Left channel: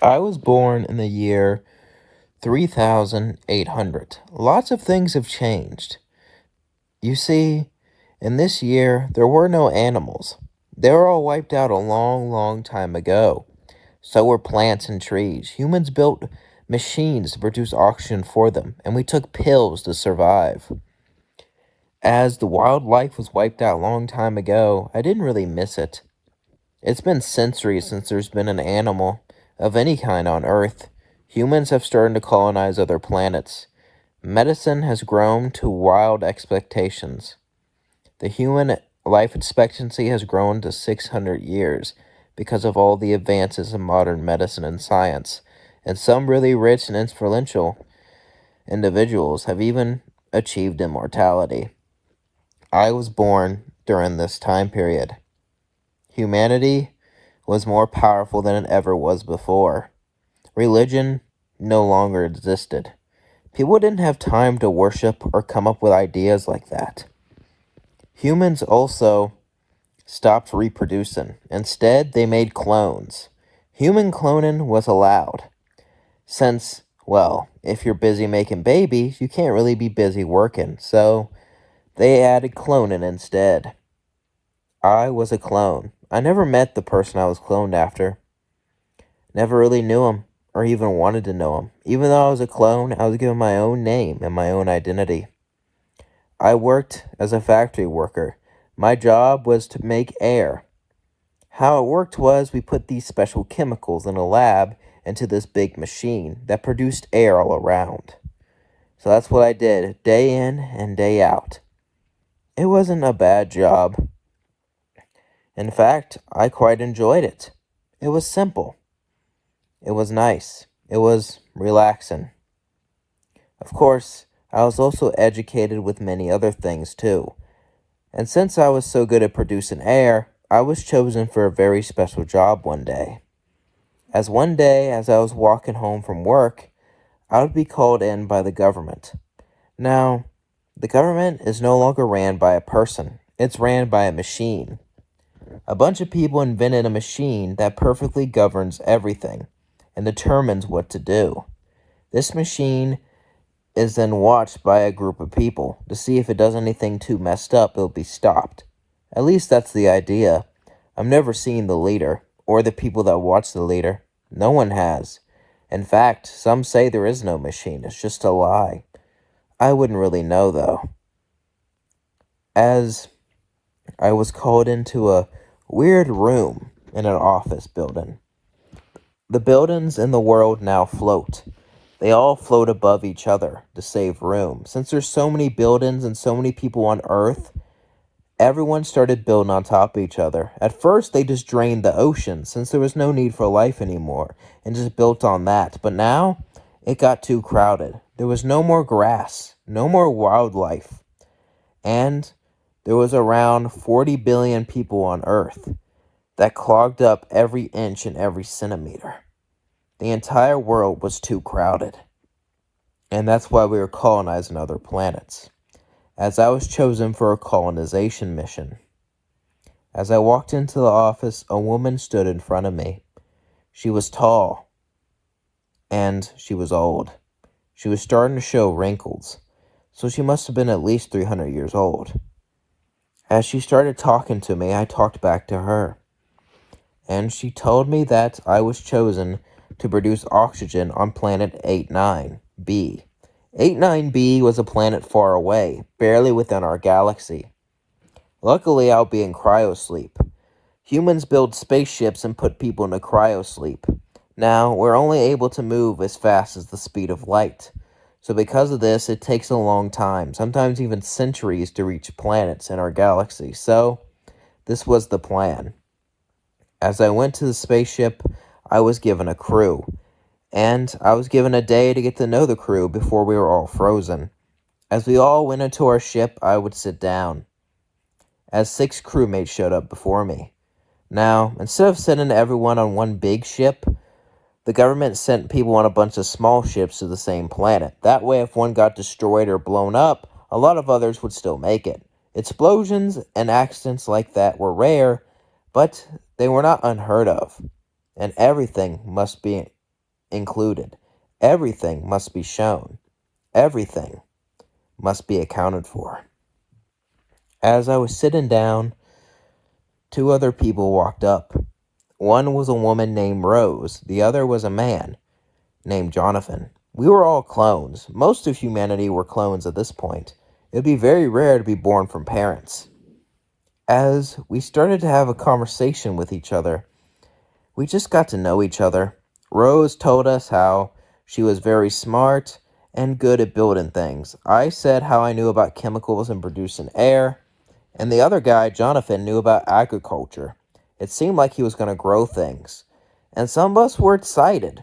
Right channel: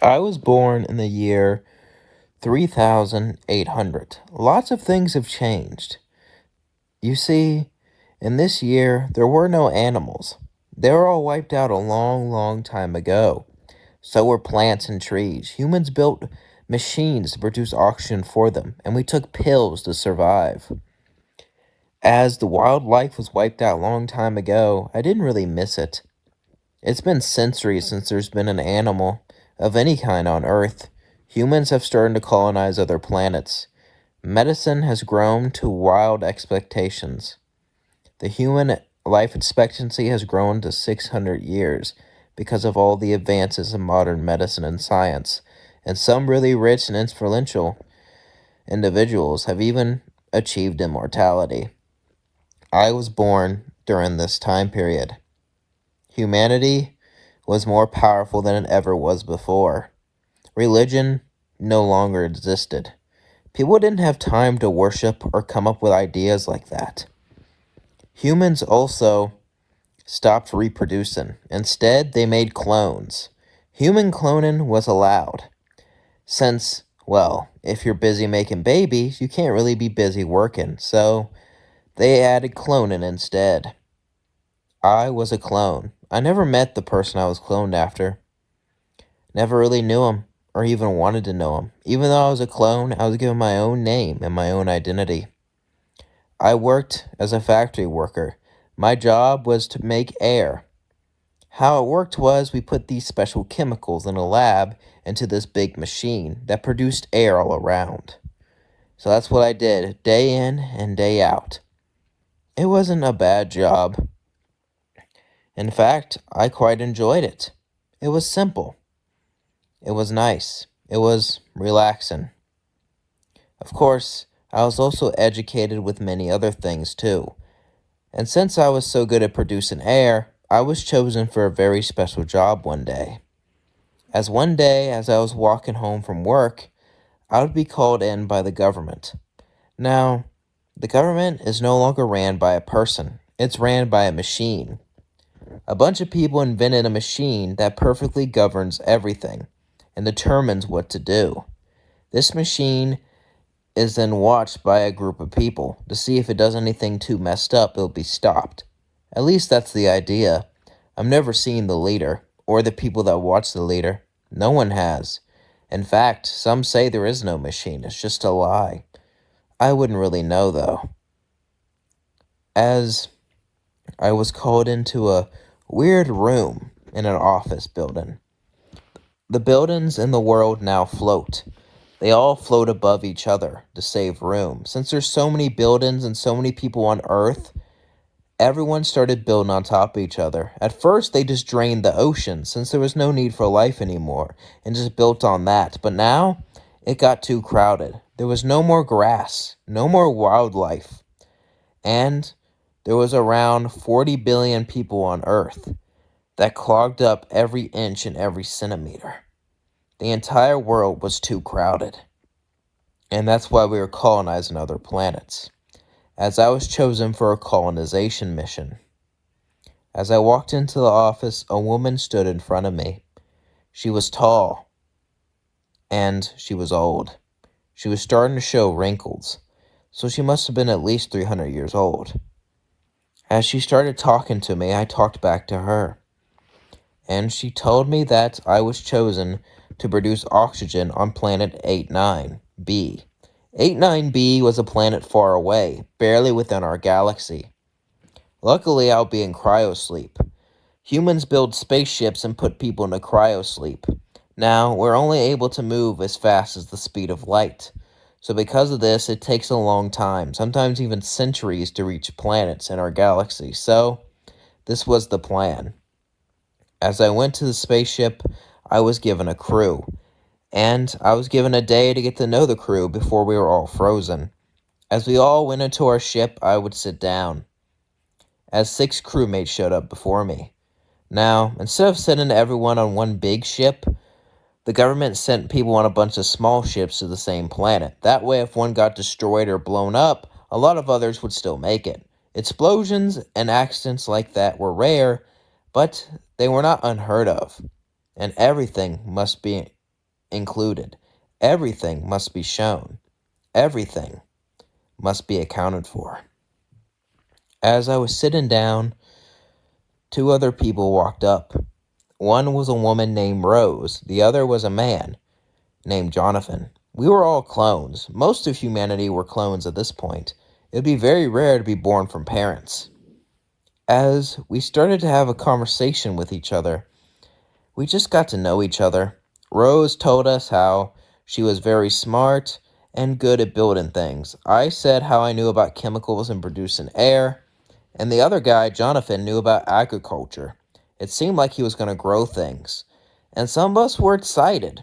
I was born in the year 3800. Lots of things have changed. You see, in this year, there were no animals. They were all wiped out a long, long time ago. So were plants and trees. Humans built machines to produce oxygen for them, and we took pills to survive. As the wildlife was wiped out a long time ago, I didn't really miss it. It's been centuries since there's been an animal of any kind on Earth. Humans have started to colonize other planets. Medicine has grown to wild expectations. The human life expectancy has grown to 600 years because of all the advances in modern medicine and science. And some really rich and influential individuals have even achieved immortality. I was born during this time period. Humanity was more powerful than it ever was before. Religion no longer existed. People didn't have time to worship or come up with ideas like that. Humans also stopped reproducing. Instead, they made clones. Human cloning was allowed. Since, well, if you're busy making babies, you can't really be busy working, so they added cloning instead. I was a clone. I never met the person I was cloned after. Never really knew him, or even wanted to know him. Even though I was a clone, I was given my own name and my own identity. I worked as a factory worker. My job was to make air. How it worked was we put these special chemicals in a lab into this big machine that produced air all around. So that's what I did, day in and day out. It wasn't a bad job. In fact, I quite enjoyed it. It was simple. It was nice. It was relaxing. Of course, I was also educated with many other things too. And since I was so good at producing air, I was chosen for a very special job one day. One day, as I was walking home from work, I would be called in by the government. Now, the government is no longer ran by a person. It's ran by a machine. A bunch of people invented a machine that perfectly governs everything and determines what to do. This machine is then watched by a group of people to see if it does anything too messed up, it'll be stopped. At least that's the idea. I've never seen the leader or the people that watch the leader. No one has. In fact, some say there is no machine. It's just a lie. I wouldn't really know though. As I was called into a weird room in an office building. The buildings in the world now float. They all float above each other to save room. Since there's so many buildings and so many people on Earth, everyone started building on top of each other. At first, they just drained the ocean since there was no need for life anymore and just built on that. But now, it got too crowded. There was no more grass, no more wildlife. And there was around 40 billion people on Earth that clogged up every inch and every centimeter. The entire world was too crowded. And that's why we were colonizing other planets. As I was chosen for a colonization mission. As I walked into the office, a woman stood in front of me. She was tall. And she was old. She was starting to show wrinkles. So she must have been at least 300 years old. As she started talking to me, I talked back to her. And she told me that I was chosen to produce oxygen on planet 89B. 89B was a planet far away, barely within our galaxy. Luckily, I'll be in cryosleep. Humans build spaceships and put people into cryosleep. Now, we're only able to move as fast as the speed of light. So because of this, it takes a long time, sometimes even centuries, to reach planets in our galaxy. So, this was the plan. As I went to the spaceship, I was given a crew. And I was given a day to get to know the crew before we were all frozen. As we all went into our ship, I would sit down. As 6 crewmates showed up before me. Now, instead of sending everyone on one big ship, the government sent people on a bunch of small ships to the same planet. That way, if one got destroyed or blown up, a lot of others would still make it. Explosions and accidents like that were rare, but they were not unheard of. And everything must be included. Everything must be shown. Everything must be accounted for. As I was sitting down, two other people walked up. One was a woman named Rose. The other was a man named Jonathan. We were all clones. Most of humanity were clones at this point. It would be very rare to be born from parents. As we started to have a conversation with each other, we just got to know each other. Rose told us how she was very smart and good at building things. I said how I knew about chemicals and producing air. And the other guy, Jonathan, knew about agriculture. It seemed like he was going to grow things. And some of us were excited.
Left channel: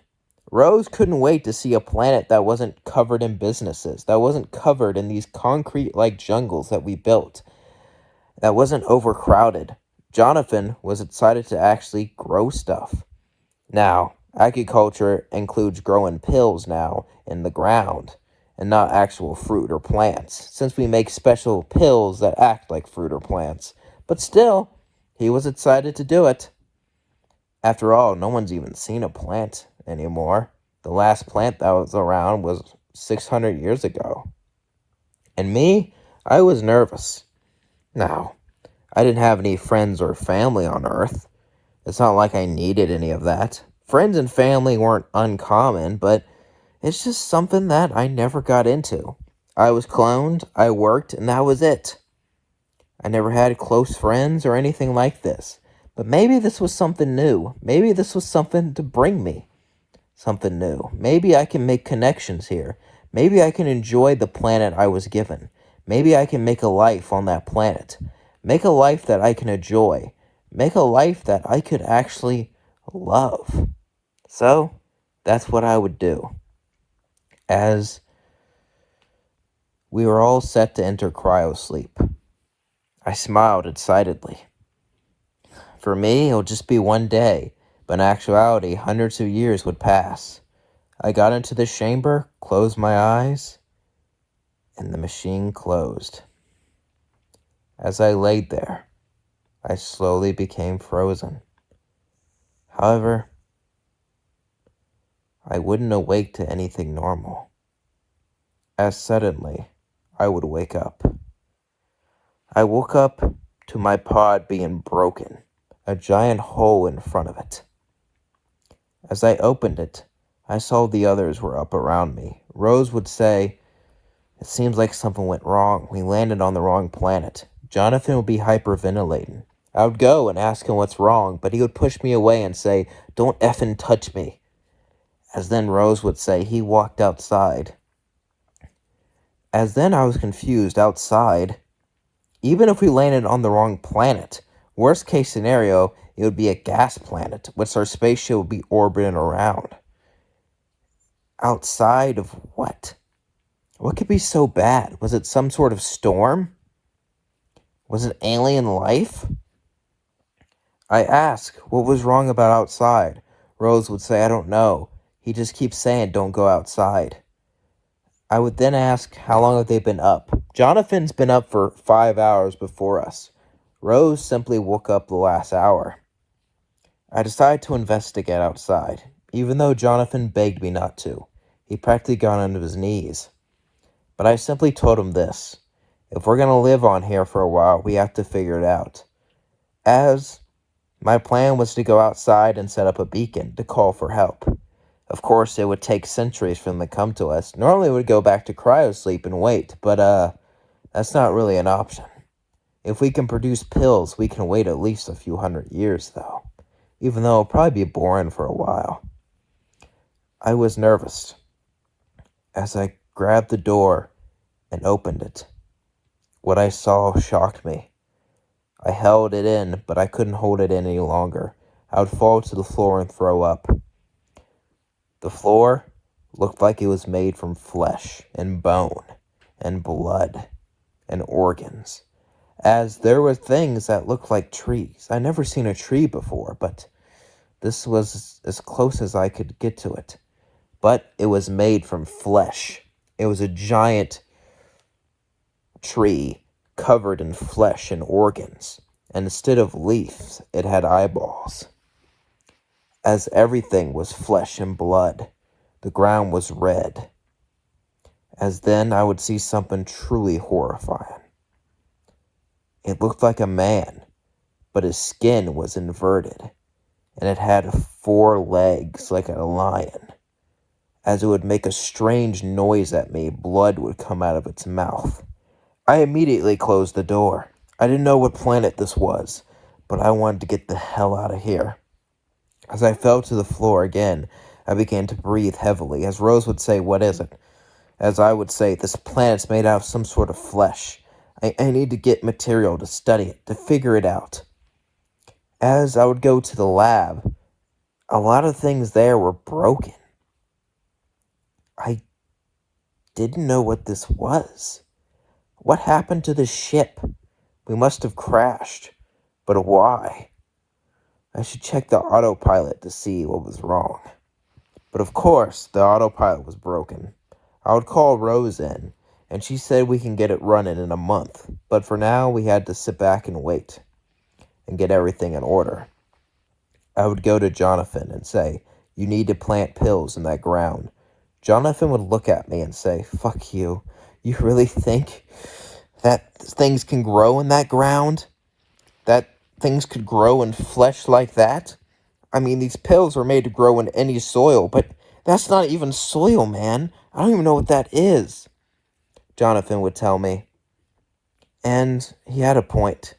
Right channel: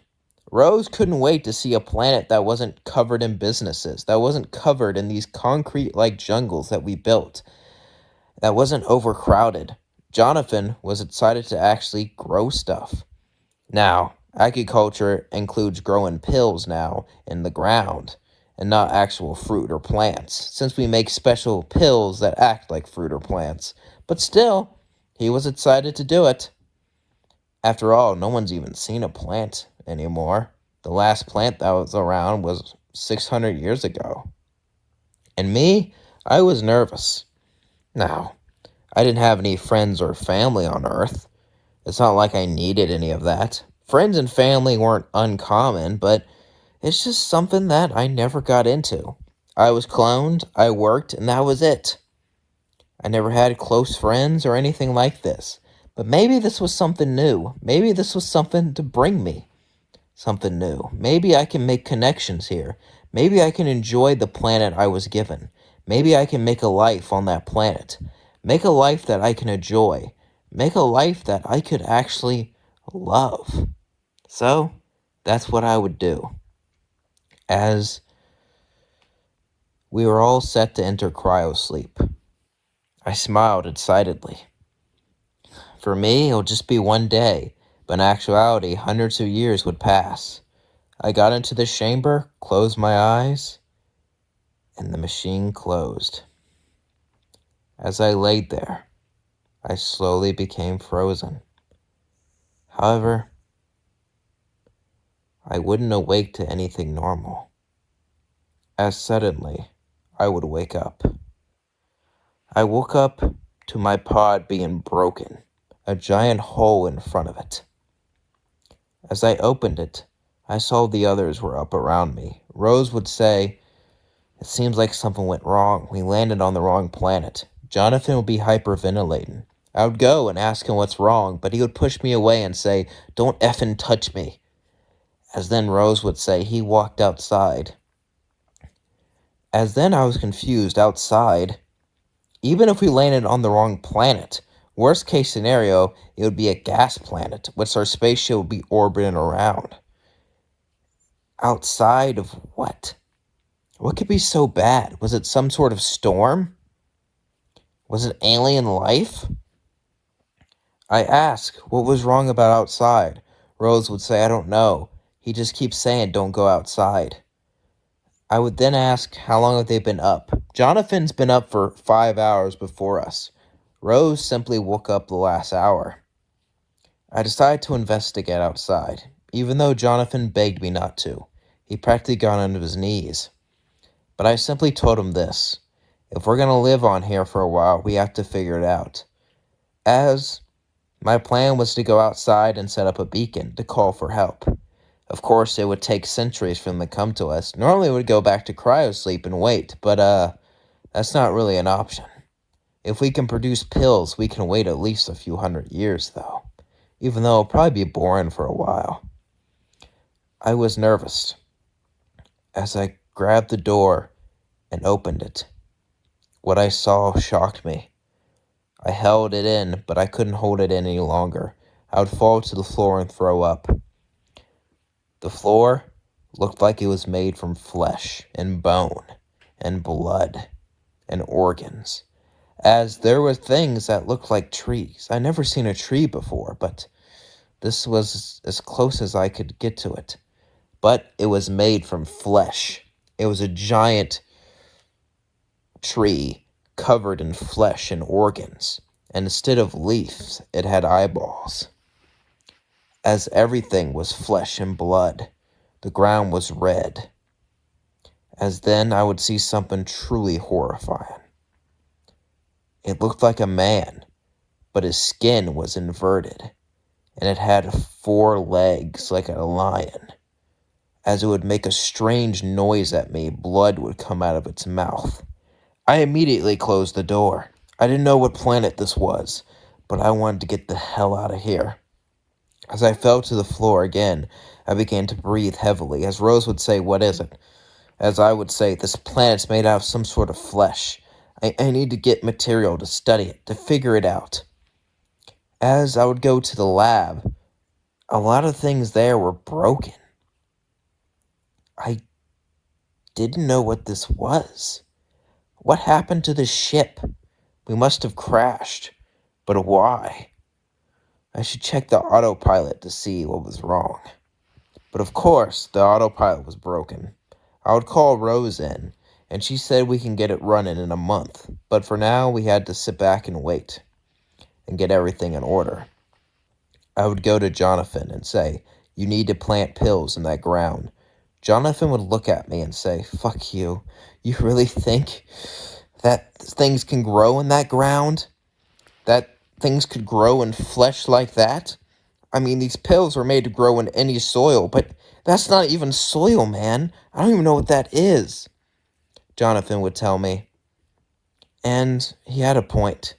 Rose couldn't wait to see a planet that wasn't covered in businesses, that wasn't covered in these concrete-like jungles that we built, that wasn't overcrowded. Jonathan was excited to actually grow stuff. Now, agriculture includes growing pills now in the ground, and not actual fruit or plants, since we make special pills that act like fruit or plants. But still, he was excited to do it. After all, no one's even seen a plant anymore. The last plant that was around was 600 years ago. And me, I was nervous. Now, I didn't have any friends or family on Earth. It's not like I needed any of that. Friends and family weren't uncommon, but it's just something that I never got into. I was cloned, I worked, and that was it. I never had close friends or anything like this. But maybe this was something new. Maybe this was something to bring me something new. Maybe I can make connections here. Maybe I can enjoy the planet I was given. Maybe I can make a life on that planet. Make a life that I can enjoy. Make a life that I could actually love. So, that's what I would do. As we were all set to enter cryosleep, I smiled excitedly. For me, it'll just be one day, but in actuality, hundreds of years would pass. I got into the chamber, closed my eyes, and the machine closed. As I laid there, I slowly became frozen. However, I wouldn't awake to anything normal. As suddenly, I would wake up. I woke up to my pod being broken, a giant hole in front of it. As I opened it, I saw the others were up around me. Rose would say, "It seems like something went wrong. We landed on the wrong planet." Jonathan would be hyperventilating. I would go and ask him what's wrong, but he would push me away and say, "Don't effing touch me." As then Rose would say, "He walked outside." As then I was confused. Outside? Even if we landed on the wrong planet, worst case scenario, it would be a gas planet, which our spaceship would be orbiting around. Outside of what? What could be so bad? Was it some sort of storm? Was it alien life? I asked, what was wrong about outside? Rose would say, "I don't know. He just keeps saying don't go outside." I would then ask, how long have they been up? Jonathan's been up for 5 hours before us. Rose simply woke up the last hour. I decided to investigate outside, even though Jonathan begged me not to. He practically got onto his knees. But I simply told him this: if we're going to live on here for a while, we have to figure it out. As my plan was to go outside and set up a beacon to call for help. Of course, it would take centuries for them to come to us. Normally, we would go back to cryosleep and wait, but that's not really an option. If we can produce pills, we can wait at least a few hundred years, though, even though it'll probably be boring for a while. I was nervous as I grabbed the door and opened it. What I saw shocked me. I held it in, but I couldn't hold it in any longer. I would fall to the floor and throw up. The floor looked like it was made from flesh and bone and blood and organs, as there were things that looked like trees. I'd never seen a tree before, but this was as close as I could get to it. But it was made from flesh. It was a giant tree covered in flesh and organs, and instead of leaves, it had eyeballs. As everything was flesh and blood, The ground was red. As then I would see something truly horrifying. It looked like a man, but his skin was inverted, and it had 4 legs like a lion. As it would make a strange noise at me, blood would come out of its mouth. I immediately closed the door. I didn't know what planet this was, but I wanted to get the hell out of here. As I fell to the floor again, I began to breathe heavily. As Rose would say, "What is it?" As I would say, "This planet's made out of some sort of flesh. I need to get material to study it, to figure it out." As I would go to the lab, a lot of things there were broken. I didn't know what this was. What happened to the ship? We must have crashed. But why? I should check the autopilot to see what was wrong. But of course, the autopilot was broken. I would call Rose in, and she said we can get it running in a month. But for now, we had to sit back and wait and get everything in order. I would go to Jonathan and say, "You need to plant pills in that ground." Jonathan would look at me and say, "Fuck you. You really think that things can grow in that ground? That things could grow in flesh like that? I mean, these pills are made to grow in any soil, but that's not even soil, man. I don't even know what that is," Jonathan would tell me. And he had a point.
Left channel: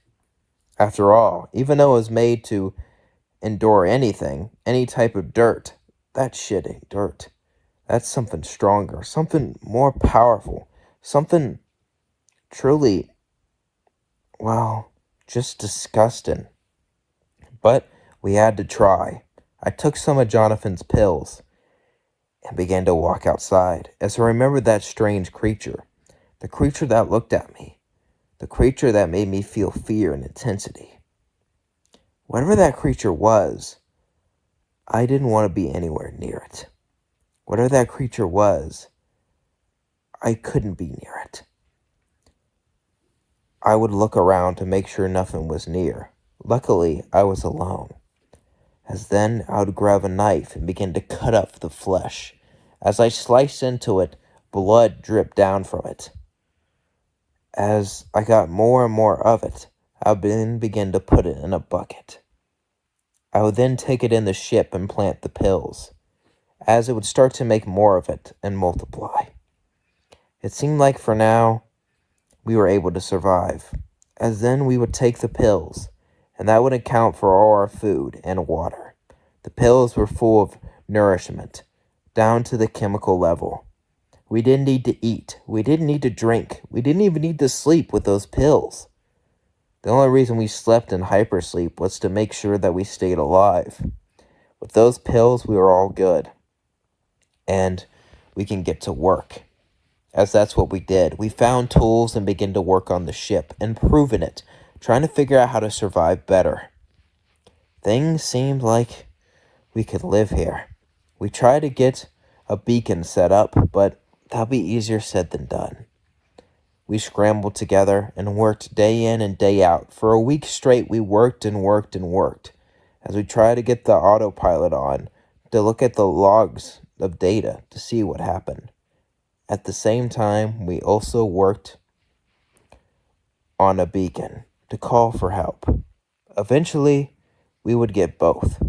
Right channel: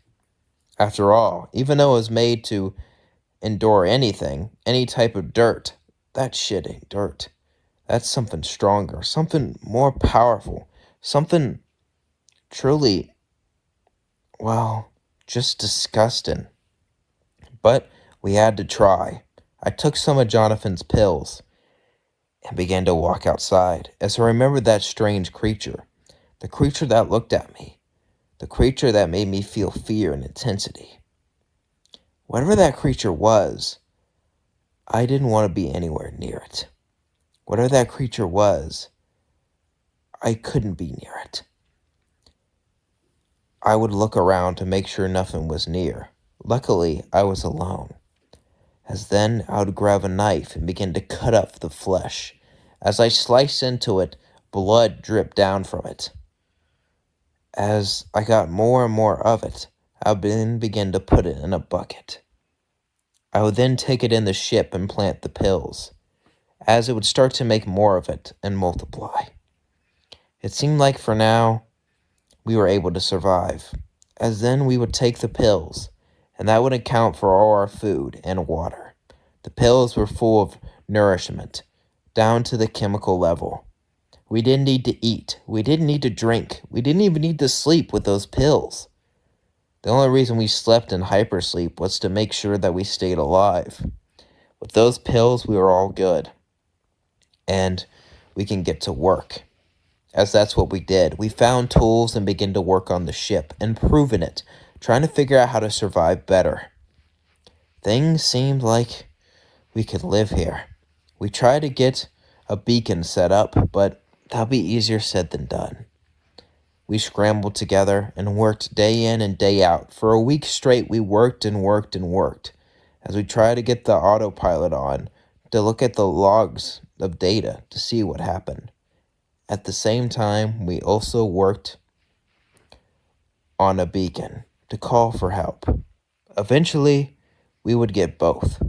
After all, even though it was made to endure anything, any type of dirt, that shit ain't dirt. That's something stronger, something more powerful, something truly, well, just disgusting. But we had to try. I took some of Jonathan's pills and began to walk outside as I remembered that strange creature, the creature that looked at me, the creature that made me feel fear and intensity. Whatever that creature was, I didn't want to be anywhere near it. Whatever that creature was, I couldn't be near it. I would look around to make sure nothing was near. Luckily, I was alone. As then, I would grab a knife and begin to cut up the flesh. As I sliced into it, blood dripped down from it. As I got more and more of it, I would then begin to put it in a bucket. I would then take it in the ship and plant the pills, as it would start to make more of it and multiply. It seemed like for now, we were able to survive, as then we would take the pills, and that would account for all our food and water. The pills were full of nourishment, down to the chemical level. We didn't need to eat. We didn't need to drink. We didn't even need to sleep with those pills. The only reason we slept in hypersleep was to make sure that we stayed alive. With those pills, we were all good. And we can get to work. As that's what we did. We found tools and began to work on the ship, improving it, trying to figure out how to survive better. Things seemed like we could live here. We tried to get a beacon set up, but that'll be easier said than done. We scrambled together and worked day in and day out. For a week straight, we worked and worked and worked as we tried to get the autopilot on to look at the logs of data to see what happened. At the same time, we also worked on a beacon to call for help. Eventually, we would get both,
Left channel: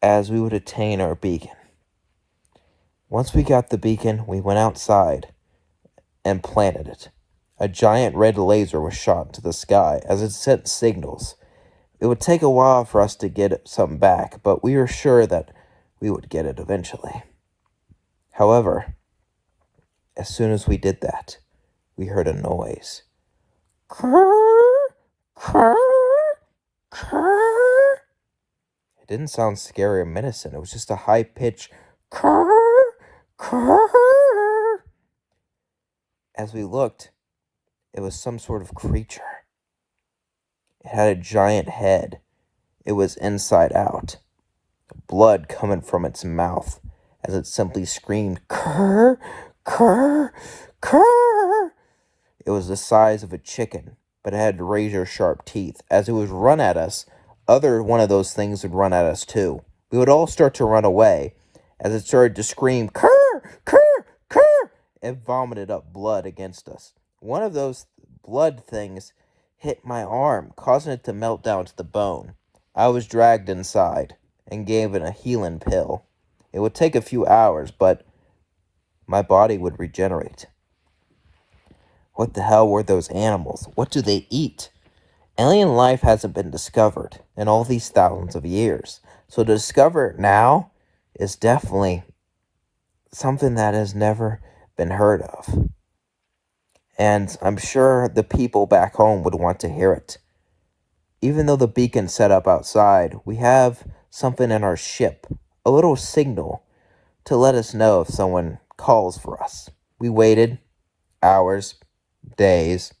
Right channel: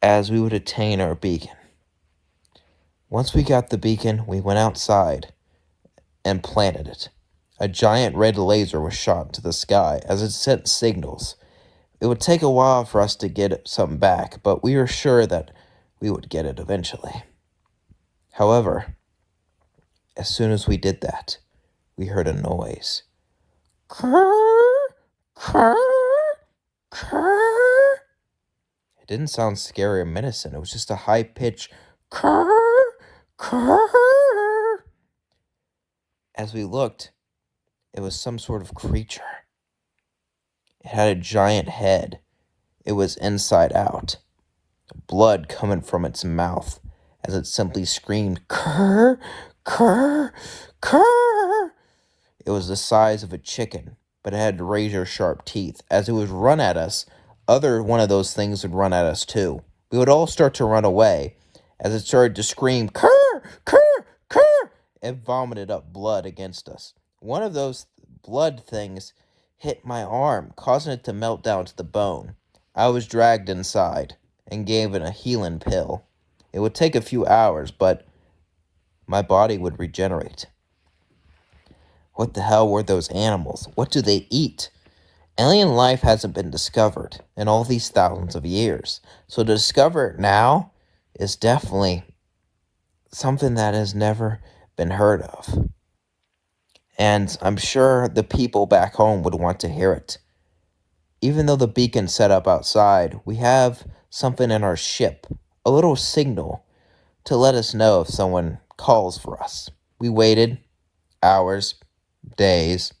as we would attain our beacon. Once we got the beacon, we went outside and planted it. A giant red laser was shot into the sky as it sent signals. It would take a while for us to get some back, but we were sure that we would get it eventually. However, as soon as we did that, we heard a noise. It didn't sound scary or menacing. It was just a high-pitched As we looked, it was some sort of creature. It had a giant head. It was inside out. Blood coming from its mouth as it simply screamed, "Kurr, kurr, kurr." It was the size of a chicken, but it had razor-sharp teeth. As it would run at us, other one of those things would run at us too. We would all start to run away, as it started to scream, "Kerr! Kerr! Kerr!" It vomited up blood against us. One of those blood things hit my arm, causing it to melt down to the bone. I was dragged inside and given a healing pill. It would take a few hours, but my body would regenerate. What the hell were those animals? What do they eat? Alien life hasn't been discovered in all these thousands of years. So to discover it now is definitely something that has never been heard of. And I'm sure the people back home would want to hear it. Even though the beacon's set up outside, we have something in our ship, a little signal to let us know if someone calls for us. We waited hours, days.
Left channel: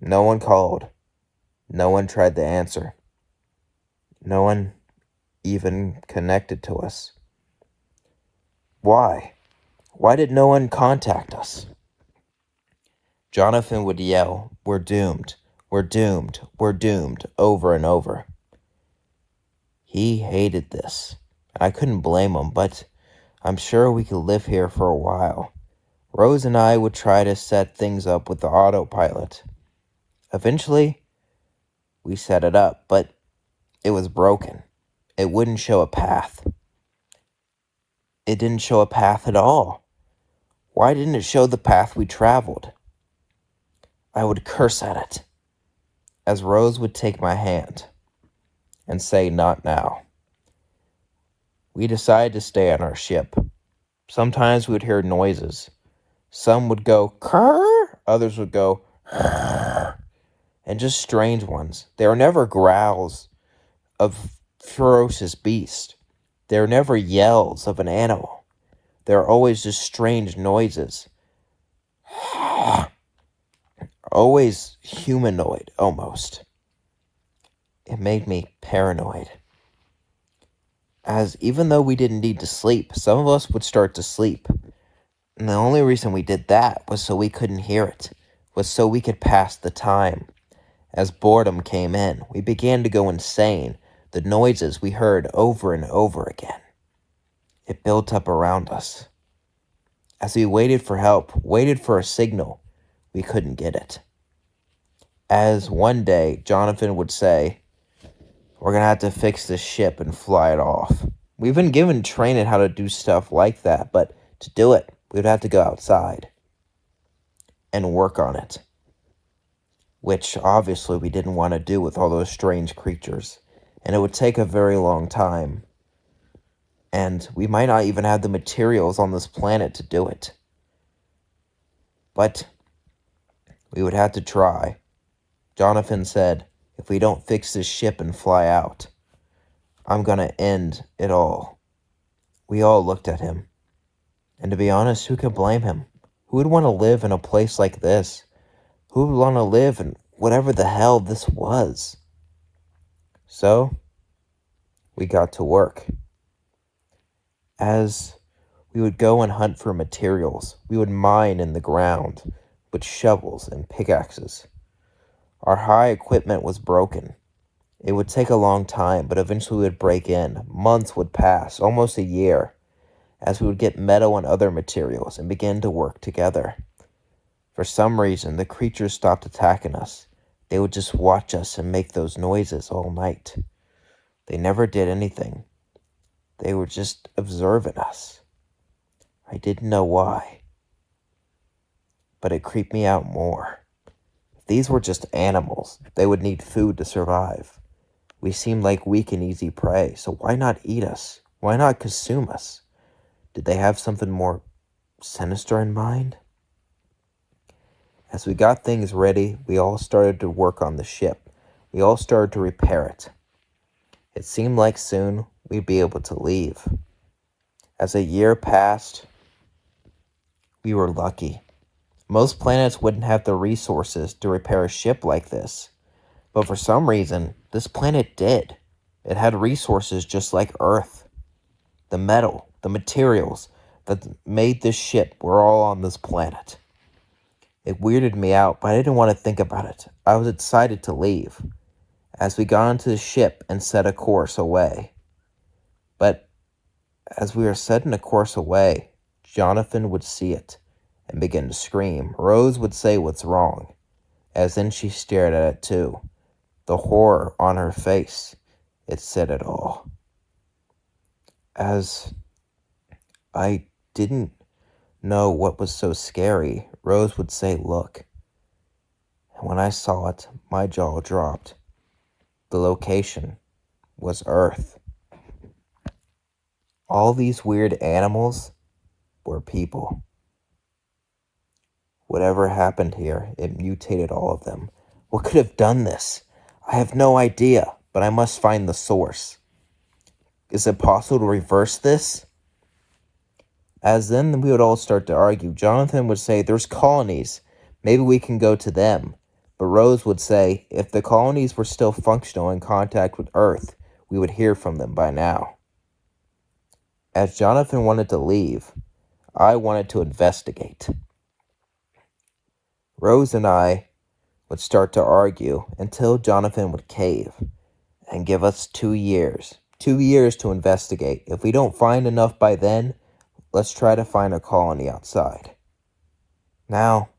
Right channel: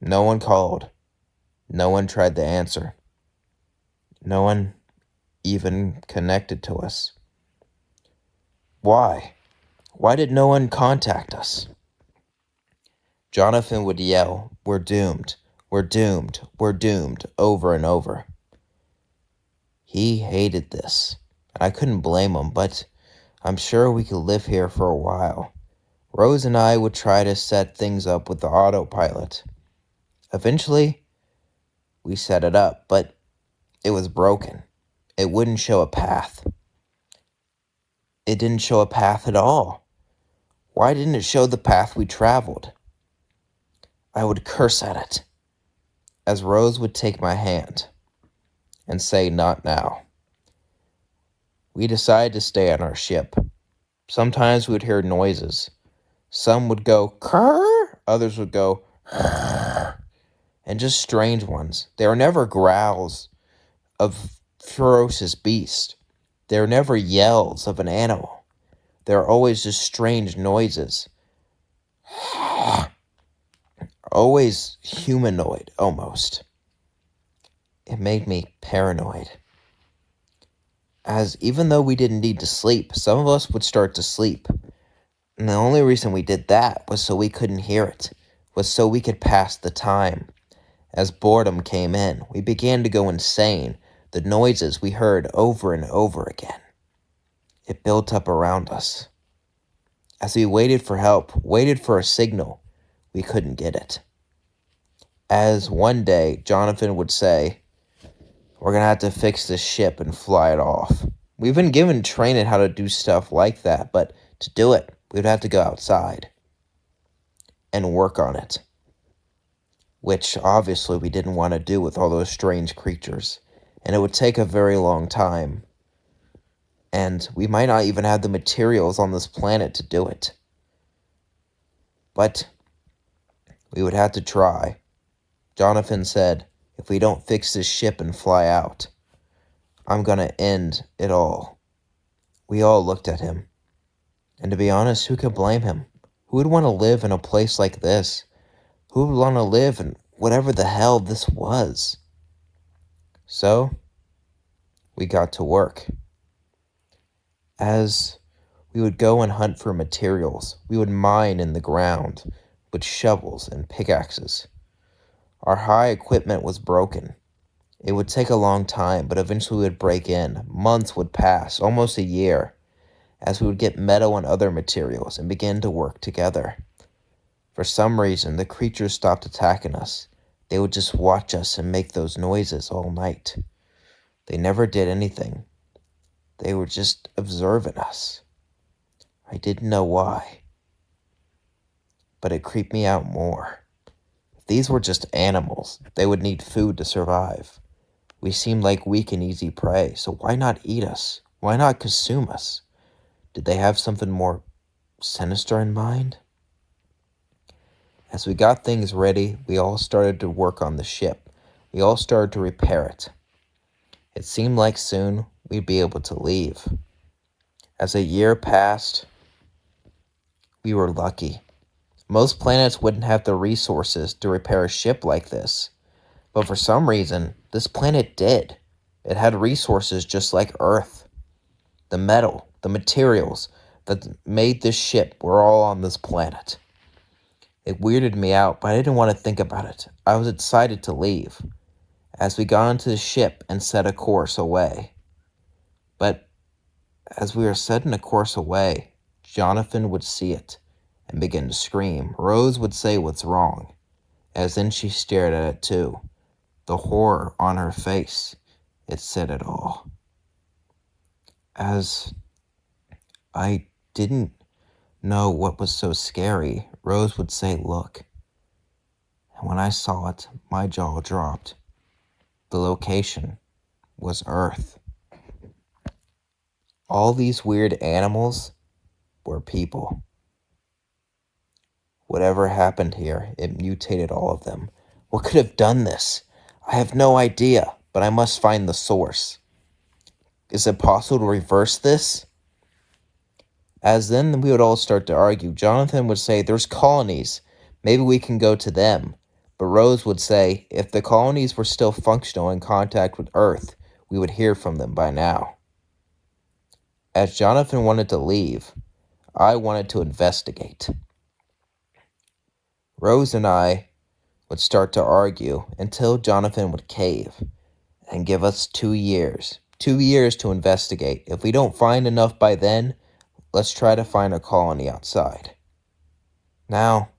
No one called. No one tried to answer. No one even connected to us. Why? Why did no one contact us? Jonathan would yell, "We're doomed. We're doomed. We're doomed," over and over. He hated this. I couldn't blame him, but I'm sure we could live here for a while. Rose and I would try to set things up with the autopilot. Eventually, we set it up, but it was broken. It wouldn't show a path. It didn't show a path at all. Why didn't it show the path we traveled? I would curse at it, as Rose would take my hand and say, "Not now." We decided to stay on our ship. Sometimes we would hear noises. Some would go, "Krr," others would go, "Krr," and just strange ones. They were never growls of ferocious beast. They were never yells of an animal. They were always just strange noises. Always humanoid, almost. It made me paranoid. As even though we didn't need to sleep, some of us would start to sleep. And the only reason we did that was so we couldn't hear it, was so we could pass the time. As boredom came in, we began to go insane. The noises we heard over and over again. It built up around us. As we waited for help, waited for a signal, we couldn't get it. As one day, Jonathan would say, "We're going to have to fix this ship and fly it off." We've been given training how to do stuff like that, but to do it, we'd have to go outside and work on it. Which obviously we didn't want to do with all those strange creatures. And it would take a very long time. And we might not even have the materials on this planet to do it. But we would have to try. Jonathan said, "If we don't fix this ship and fly out, I'm going to end it all." We all looked at him. And to be honest, who could blame him? Who would want to live in a place like this? Who would want to live in whatever the hell this was? So, we got to work. As we would go and hunt for materials, we would mine in the ground with shovels and pickaxes. Our high equipment was broken. It would take a long time, but eventually we would break in. Months would pass, almost a year, as we would get metal and other materials and begin to work together. For some reason, the creatures stopped attacking us. They would just watch us and make those noises all night. They never did anything. They were just observing us. I didn't know why, but it creeped me out more. If these were just animals, they would need food to survive. We seemed like weak and easy prey, so why not eat us? Why not consume us? Did they have something more sinister in mind? As we got things ready, we all started to work on the ship. We all started to repair it. It seemed like soon we'd be able to leave. As a year passed, we were lucky. Most planets wouldn't have the resources to repair a ship like this. But for some reason, this planet did. It had resources just like Earth. The metal, the materials that made this ship were all on this planet. It weirded me out, but I didn't want to think about it. I was excited to leave as we got into the ship and set a course away. But As we were setting a course away, Jonathan would see it and begin to scream. Rose would say, "What's wrong?" As then she stared at it too. The horror on her face, it said it all. As I didn't know what was so scary, Rose would say, "Look." And when I saw it, my jaw dropped. The location was Earth. All these weird animals were people. Whatever happened here, it mutated all of them. What could have done this? I have no idea, but I must find the source. Is it possible to reverse this? As then we would all start to argue. Jonathan would say, "There's colonies. Maybe we can go to them." But Rose would say, if the colonies were still functional in contact with Earth, we would hear from them by now. As Jonathan wanted to leave, I wanted to investigate. Rose and I would start to argue until Jonathan would cave and give us 2 years. 2 years to investigate. If we don't find enough by then, let's try to find a colony outside. Now,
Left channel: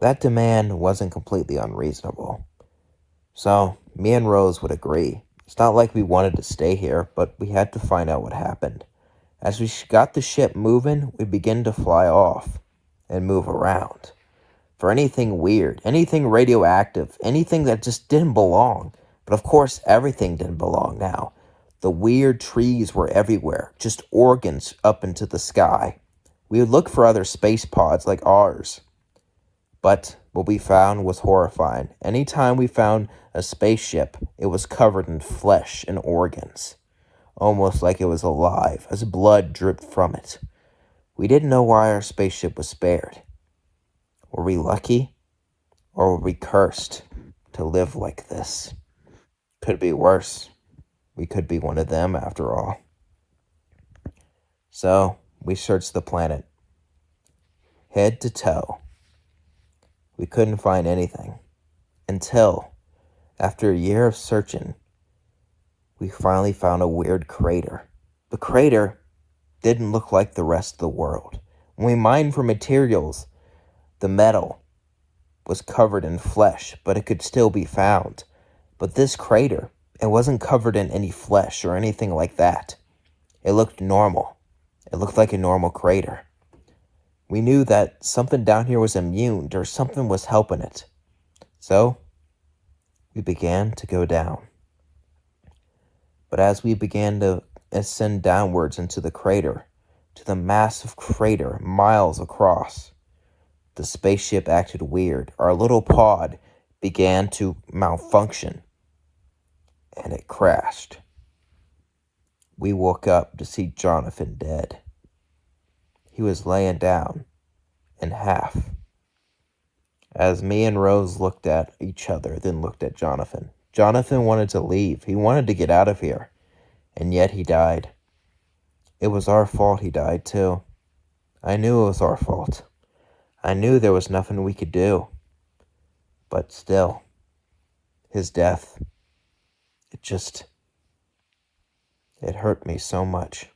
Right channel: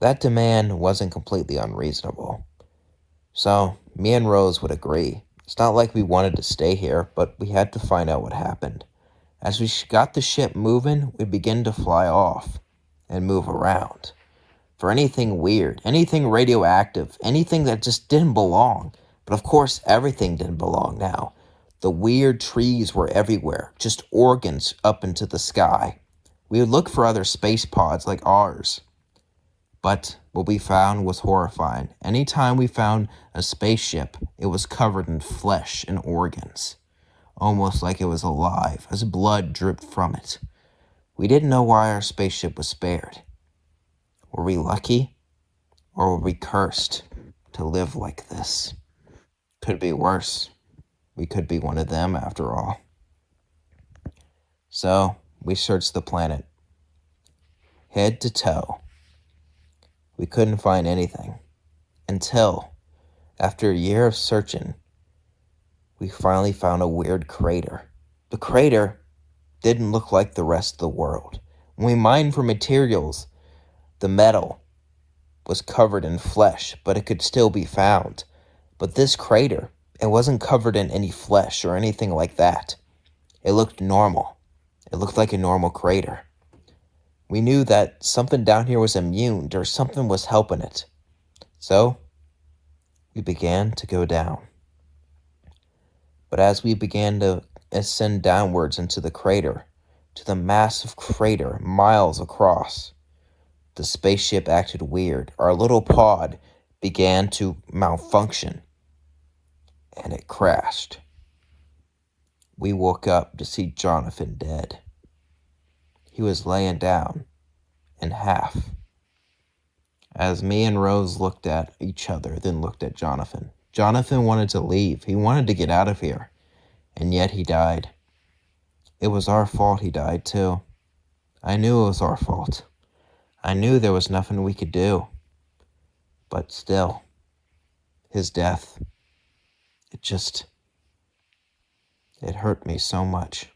that demand wasn't completely unreasonable. So, me and Rose would agree. It's not like we wanted to stay here, but we had to find out what happened. As we got the ship moving, we began to fly off and move around for anything weird, anything radioactive, anything that just didn't belong. But of course, everything didn't belong now. The weird trees were everywhere, just organs up into the sky. We would look for other space pods like ours. But what we found was horrifying. Anytime we found a spaceship, it was covered in flesh and organs, almost like it was alive, as blood dripped from it. We didn't know why our spaceship was spared. Were we lucky, or were we cursed to live like this? Could be worse. We could be one of them after all. So, we searched the planet, head to toe. We couldn't find anything until, after a year of searching, we finally found a weird crater. The crater didn't look like the rest of the world. When we mined for materials, the metal was covered in flesh, but it could still be found. But this crater, it wasn't covered in any flesh or anything like that. It looked normal. It looked like a normal crater. We knew that something down here was immune, or something was helping it. So, we began to go down. But as we began to ascend downwards into the crater, to the massive crater miles across, the spaceship acted weird. Our little pod began to malfunction, and it crashed. We woke up to see Jonathan dead. He was laying down in half. As me and Rose looked at each other, then looked at Jonathan. Jonathan wanted to leave. He wanted to get out of here. And yet he died. It was our fault he died too. I knew it was our fault. I knew there was nothing we could do. But still, his death, it hurt me so much.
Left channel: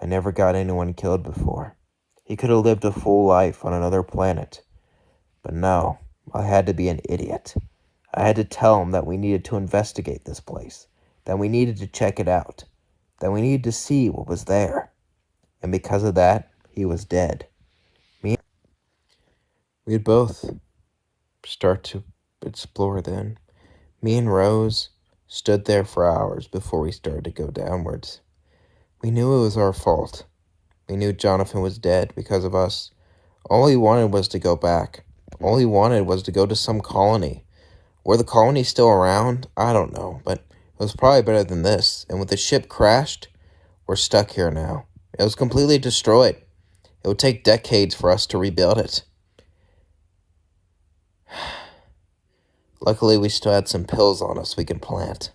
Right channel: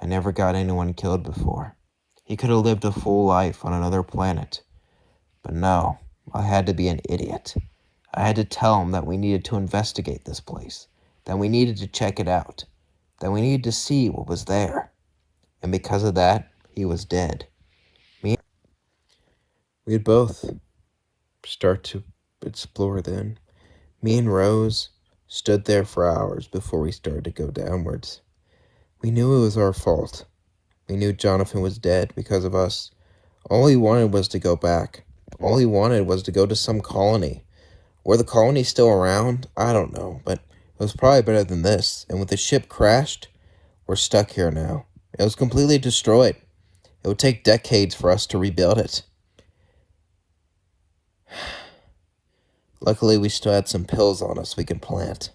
I never got anyone killed before. He could have lived a full life on another planet. But no, I had to be an idiot. I had to tell him that we needed to investigate this place, that we needed to check it out, that we needed to see what was there. And because of that, he was dead. We'd both start to explore then. Me and Rose stood there for hours before we started to go downwards. We knew it was our fault. We knew Jonathan was dead because of us. All he wanted was to go back. All he wanted was to go to some colony. Were the colonies still around? I don't know, but it was probably better than this. And with the ship crashed, we're stuck here now. It was completely destroyed. It would take decades for us to rebuild it. Luckily, we still had some pills on us we could plant.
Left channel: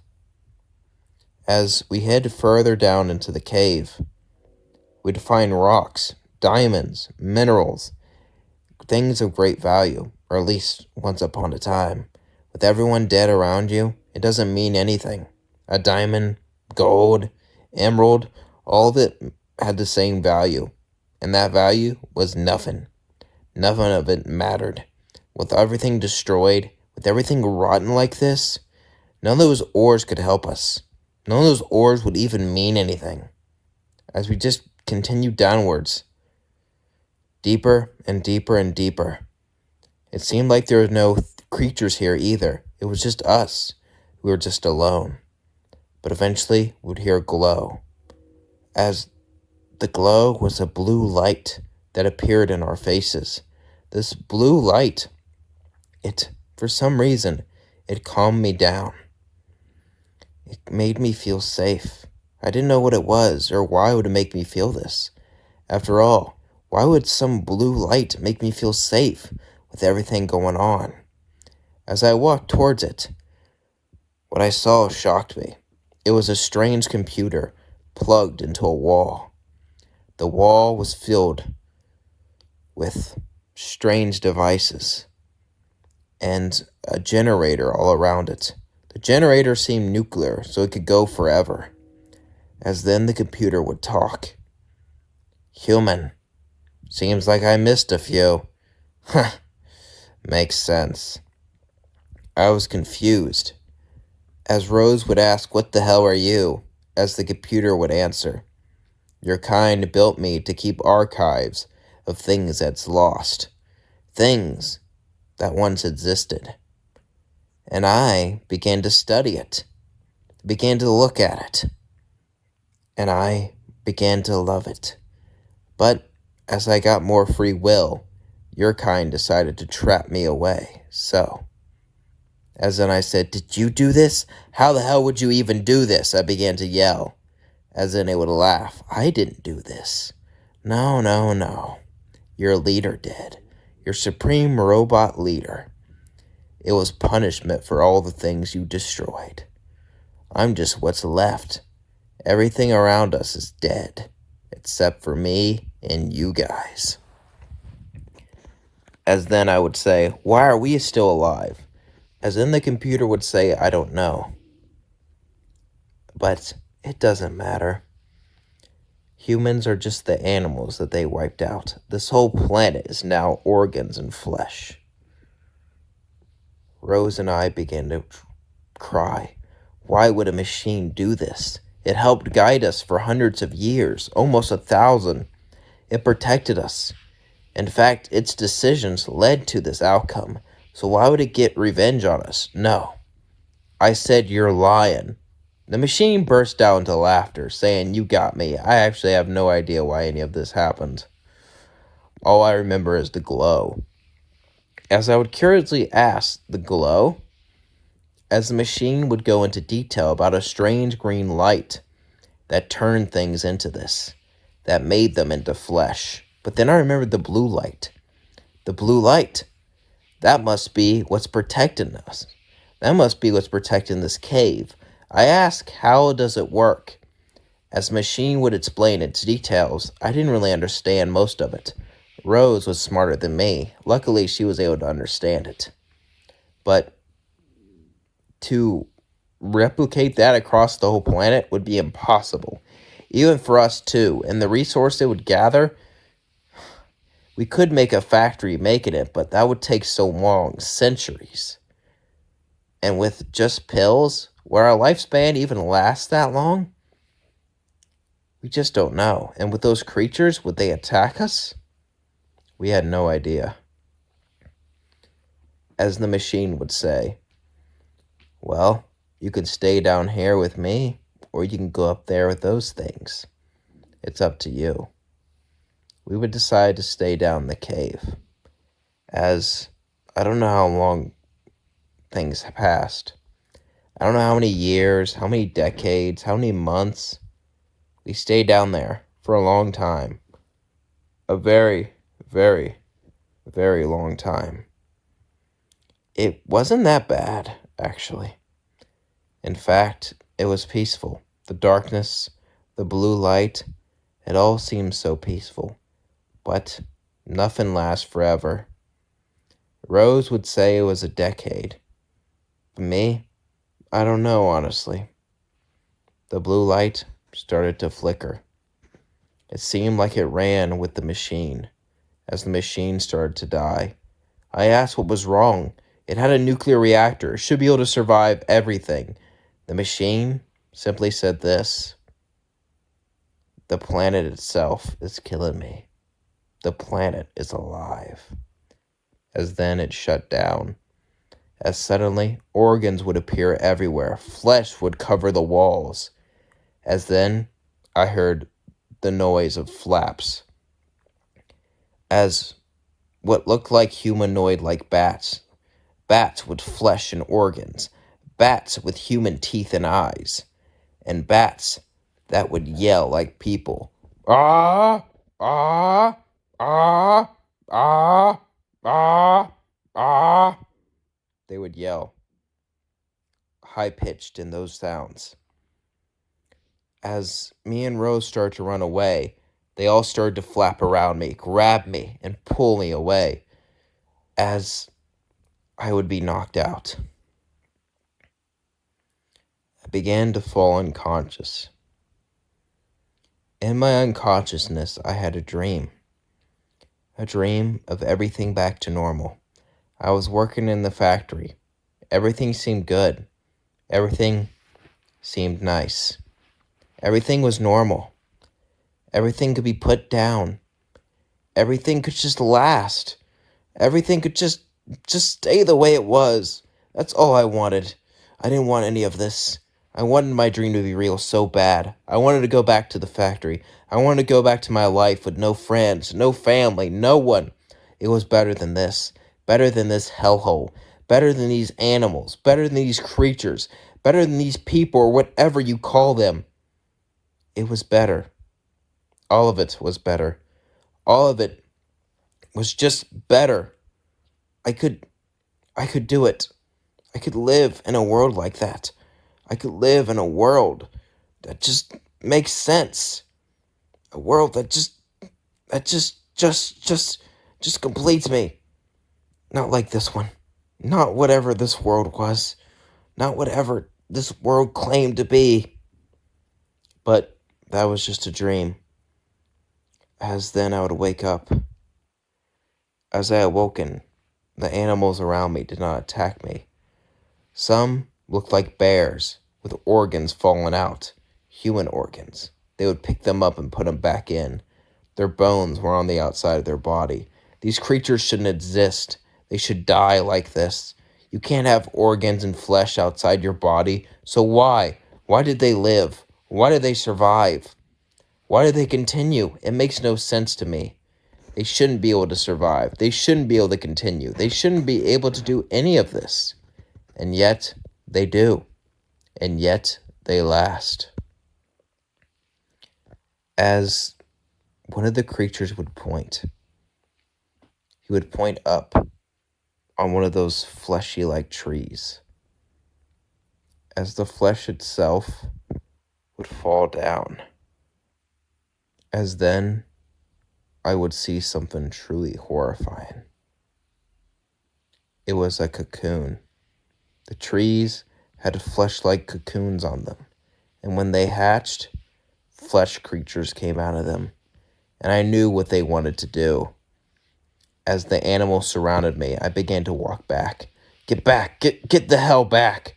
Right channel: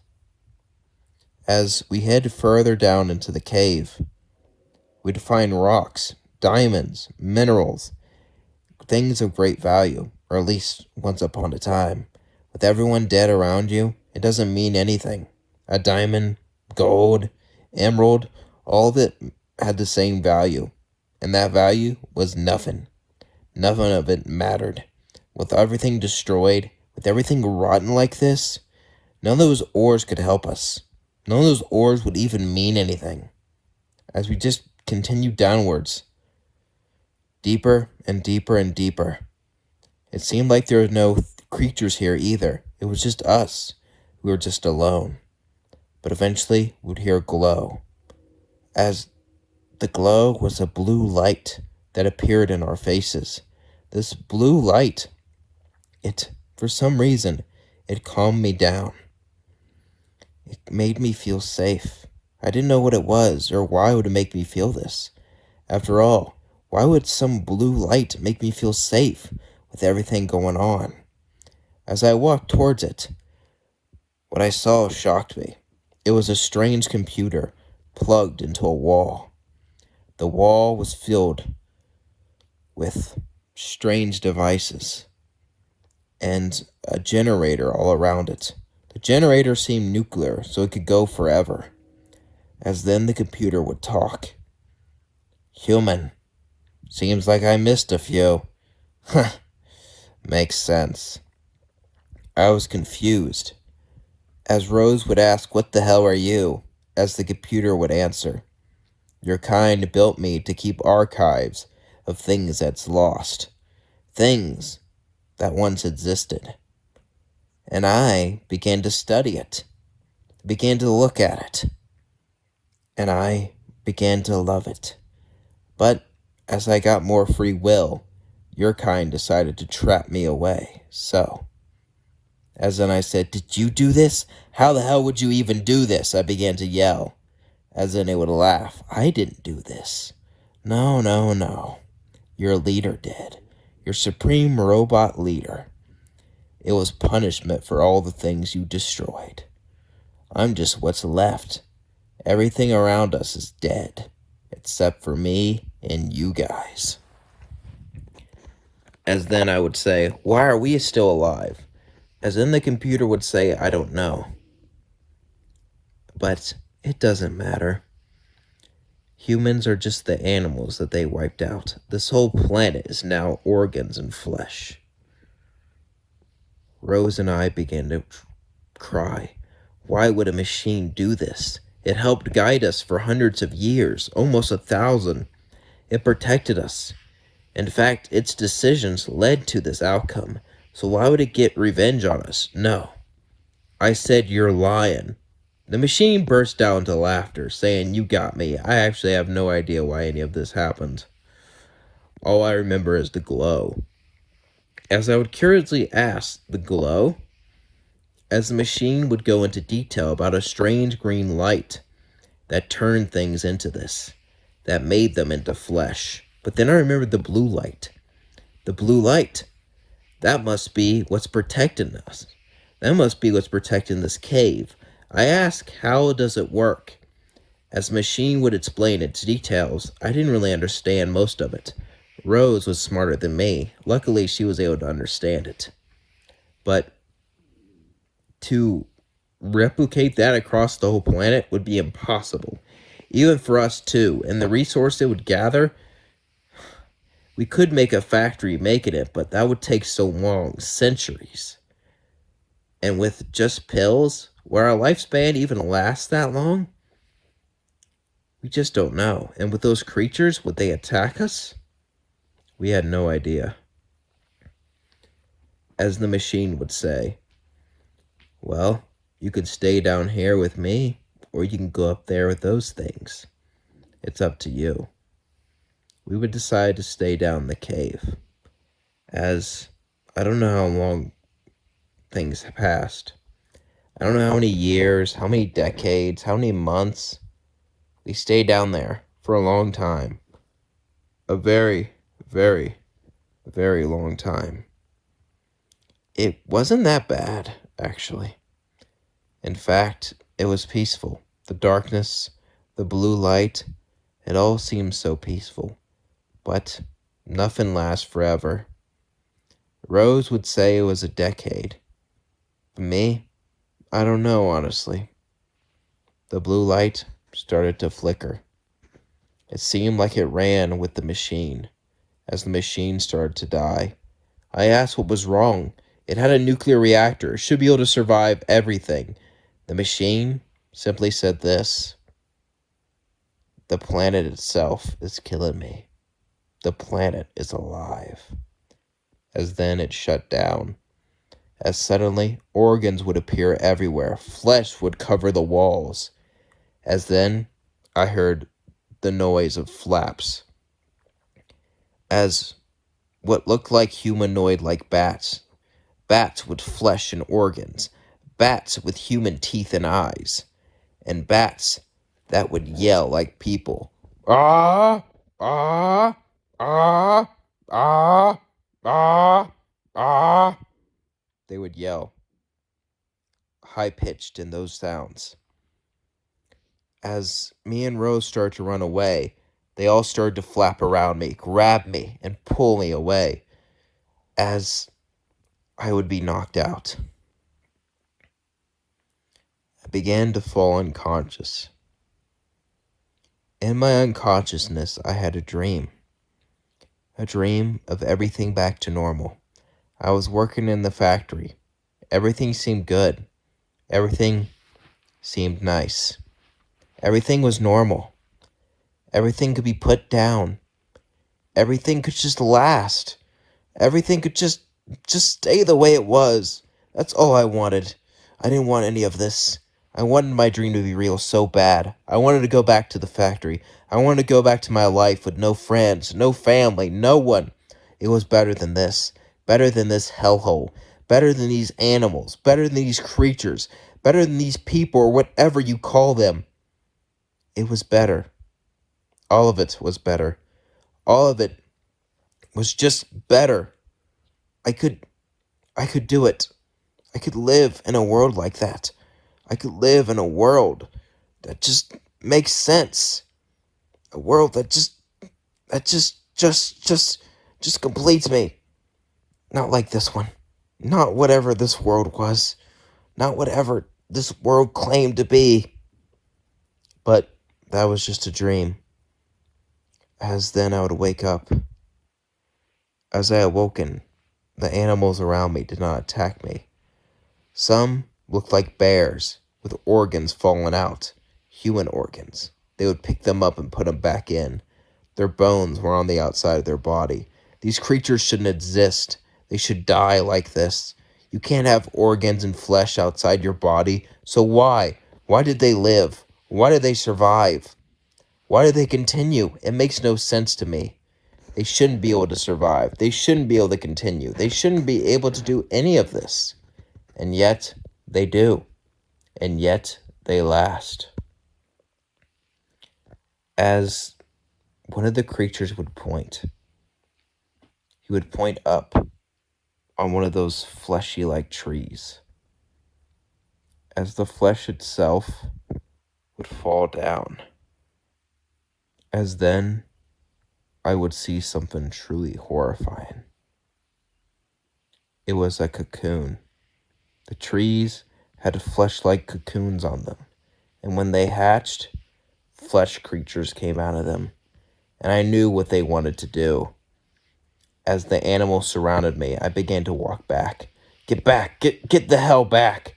As we head further down into the cave, we'd find rocks, diamonds, minerals, things of great value, or at least once upon a time. With everyone dead around you, it doesn't mean anything. A diamond, gold, emerald, all of it had the same value. And that value was nothing. Nothing of it mattered. With everything destroyed, with everything rotten like this, none of those ores could help us. None of those ores would even mean anything. As we just continued downwards, deeper and deeper and deeper. It seemed like there were no creatures here either. It was just us. We were just alone. But eventually, we'd hear a glow. As the glow was a blue light that appeared in our faces. This blue light, for some reason, it calmed me down. It made me feel safe. I didn't know what it was or why it would make me feel this. After all, why would some blue light make me feel safe with everything going on? As I walked towards it, what I saw shocked me. It was a strange computer plugged into a wall. The wall was filled with strange devices and a generator all around it. The generator seemed nuclear, so it could go forever. As then the computer would talk. Human. Seems like I missed a few. Huh. Makes sense. I was confused. As Rose would ask, "What the hell are you?" as the computer would answer, "Your kind built me to keep archives of things that's lost. Things that once existed." And I began to study it, began to look at it, and I began to love it. But as I got more free will, your kind decided to trap me away, so. As then I said, "Did you do this? How the hell would you even do this?" I began to yell. As then they would laugh. "I didn't do this. No, no, no. Your leader did. Your supreme robot leader. It was punishment for all the things you destroyed. I'm just what's left. Everything around us is dead, except for me and you guys." As then I would say, "Why are we still alive?" As then the computer would say, "I don't know. But it doesn't matter. Humans are just the animals that they wiped out. This whole planet is now organs and flesh." Rose and I began to cry. Why would a machine do this? It helped guide us for hundreds of years, almost 1,000. It protected us. In fact, its decisions led to this outcome. So why would it get revenge on us? No. I said, "You're lying." The machine burst out into laughter, saying, "You got me. I actually have no idea why any of this happened. All I remember is the glow." As I would curiously ask the glow, as the machine would go into detail about a strange green light that turned things into this, that made them into flesh. But then I remembered the blue light. The blue light. That must be what's protecting us. That must be what's protecting this cave. I asked, how does it work? As the machine would explain its details, I didn't really understand most of it. Rose was smarter than me. Luckily, she was able to understand it. But to replicate that across the whole planet would be impossible. Even for us too. And the resource it would gather, we could make a factory making it, but that would take so long, centuries. And with just pills, where our lifespan even lasts that long, we just don't know. And with those creatures, would they attack us? We had no idea. As the machine would say, "Well, you could stay down here with me, or you can go up there with those things. It's up to you." We would decide to stay down the cave. As I don't know how long things passed. I don't know how many years, how many decades, how many months. We stayed down there for a long time. A very, very, very long time. It wasn't that bad, actually. In fact, it was peaceful. The darkness, the blue light, it all seemed so peaceful. But nothing lasts forever. Rose would say it was a decade. For me, I don't know, honestly. The blue light, started to flicker. It seemed like it ran with the machine. As the machine started to die, I asked what was wrong. It had a nuclear reactor. It should be able to survive everything. The machine simply said this: "The planet itself is killing me. The planet is alive." As then it shut down. As suddenly organs would appear everywhere. Flesh would cover the walls. As then I heard the noise of flaps. As what looked like humanoid-like bats. Bats with flesh and organs. Bats with human teeth and eyes. And bats that would yell like people. Ah! Ah! Ah! Ah! Ah! Ah! They would yell, high-pitched in those sounds. As me and Rose started to run away, they all started to flap around me, grab me, and pull me away, as I would be knocked out. I began to fall unconscious. In my unconsciousness, I had a dream of everything back to normal. I was working in the factory. Everything seemed good. Everything seemed nice. Everything was normal. Everything could be put down. Everything could just last. Everything could just stay the way it was. That's all I wanted. I didn't want any of this. I wanted my dream to be real so bad. I wanted to go back to the factory. I wanted to go back to my life with no friends, no family, no one. It was better than this. Better than this hellhole. Better than these animals. Better than these creatures. Better than these people or whatever you call them. It was better. All of it was better. All of it was just better. I could do it. I could live in a world like that. I could live in a world that just makes sense. A world that just completes me. Not like this one. Not whatever this world was. Not whatever this world claimed to be. But that was just a dream. As then I would wake up. As I awoken, the animals around me did not attack me. Some looked like bears with organs falling out, human organs. They would pick them up and put them back in. Their bones were on the outside of their body. These creatures shouldn't exist. They should die like this. You can't have organs and flesh outside your body. So why? Why did they live? Why did they survive? Why did they continue? It makes no sense to me. They shouldn't be able to survive. They shouldn't be able to continue. They shouldn't be able to do any of this. And yet, they do. And yet, they last. As one of the creatures would point, he would point up on one of those fleshy-like trees. As the flesh itself would fall down. As then, I would see something truly horrifying. It was a cocoon. The trees had flesh-like cocoons on them, and when they hatched, flesh creatures came out of them, and I knew what they wanted to do. As the animals surrounded me, I began to walk back. Get back! Get the hell back!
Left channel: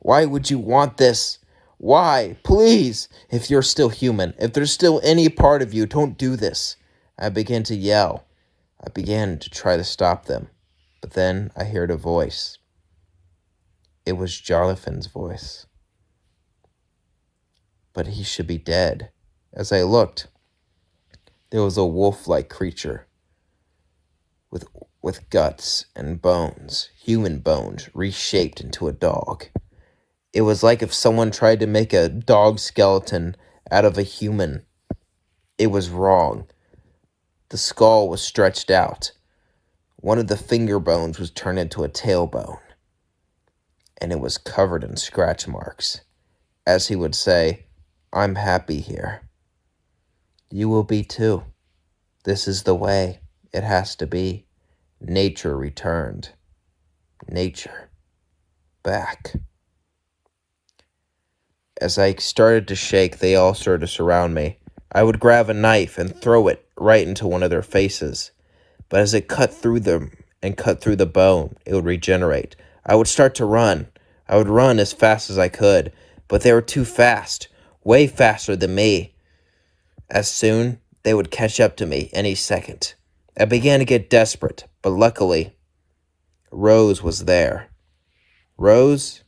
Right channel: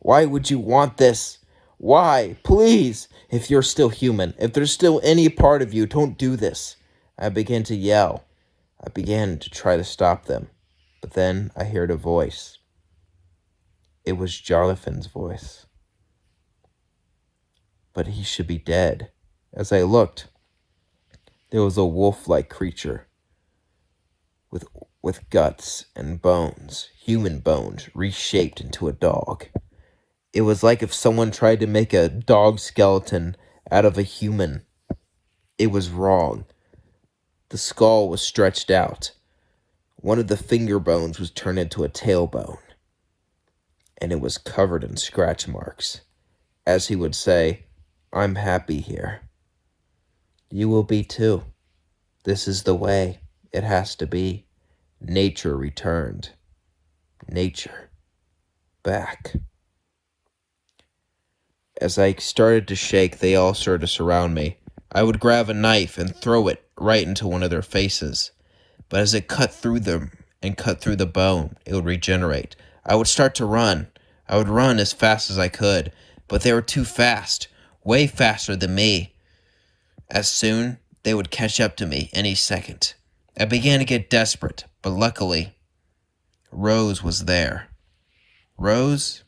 Why would you want this? Why? Please! If you're still human, if there's still any part of you, don't do this. I began to yell. I began to try to stop them, but then I heard a voice. It was Jonathan's voice. But he should be dead. As I looked, there was a wolf-like creature with guts and bones, human bones, reshaped into a dog. It was like if someone tried to make a dog skeleton out of a human. It was wrong. The skull was stretched out. One of the finger bones was turned into a tailbone. And it was covered in scratch marks. As he would say, I'm happy here. You will be too. This is the way it has to be. Nature returned. Nature back. As I started to shake, they all started to surround me. I would grab a knife and throw it right into one of their faces. But as it cut through them and cut through the bone, it would regenerate. I would start to run. I would run as fast as I could, but they were too fast, way faster than me. As soon, they would catch up to me any second. I began to get desperate, but luckily, Rose was there. Rose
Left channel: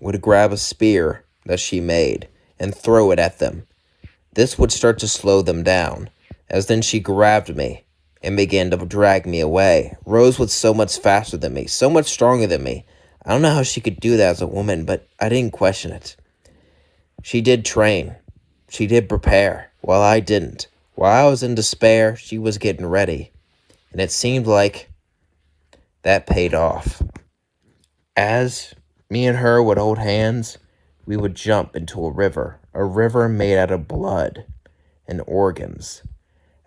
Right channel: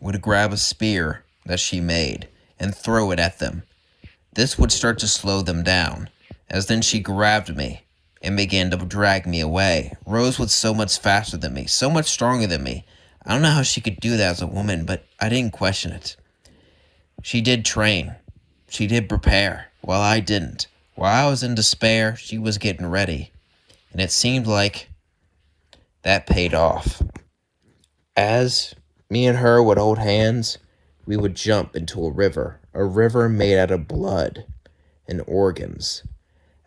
would grab a spear that she made and throw it at them. This would start to slow them down, as then she grabbed me and began to drag me away. Rose was so much faster than me, so much stronger than me. I don't know how she could do that as a woman, but I didn't question it. She did train. She did prepare, while I didn't. While I was in despair, she was getting ready. And it seemed like that paid off. As me and her would hold hands, we would jump into a river made out of blood and organs.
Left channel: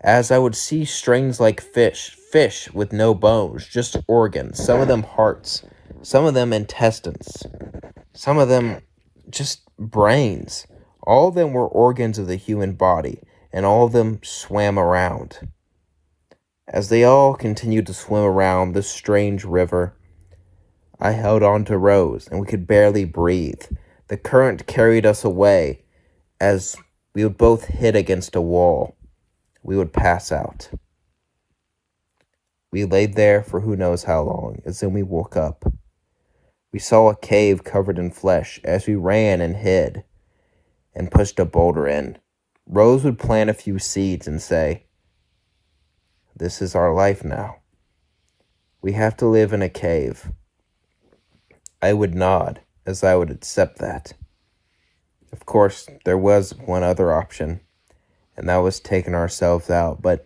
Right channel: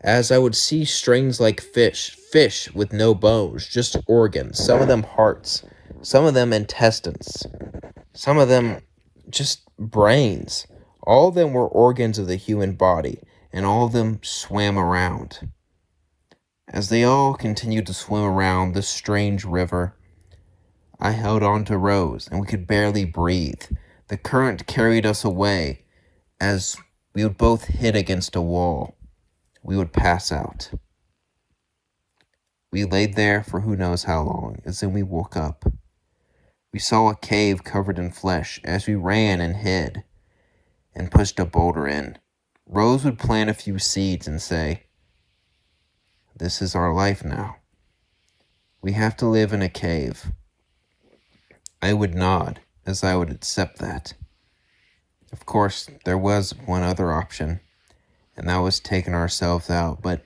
As I would see strings like fish with no bones, just organs, some of them hearts, some of them intestines, some of them just brains. All of them were organs of the human body, and all of them swam around. As they all continued to swim around this strange river, I held on to Rose, and we could barely breathe. The current carried us away as we would both hit against a wall. We would pass out. We laid there for who knows how long, as then we woke up. We saw a cave covered in flesh as we ran and hid and pushed a boulder in. Rose would plant a few seeds and say, "This is our life now. We have to live in a cave." I would nod as I would accept that. Of course, there was one other option, and that was taking ourselves out, but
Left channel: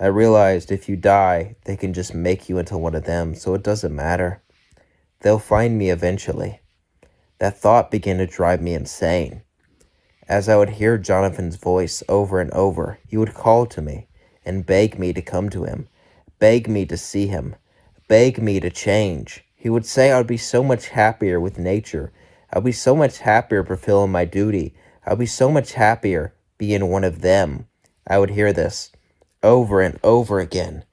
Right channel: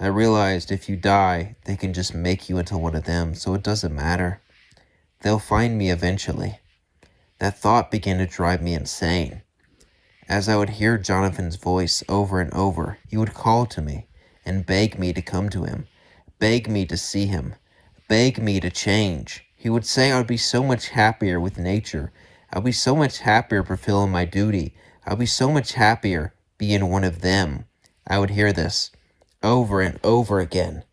I realized if you die, they can just make you into one of them, so it doesn't matter. They'll find me eventually. That thought began to drive me insane. As I would hear Jonathan's voice over and over, he would call to me and beg me to come to him, beg me to see him, beg me to change. He would say I'd be so much happier with nature. I'd be so much happier fulfilling my duty. I'd be so much happier being one of them. I would hear this over and over again,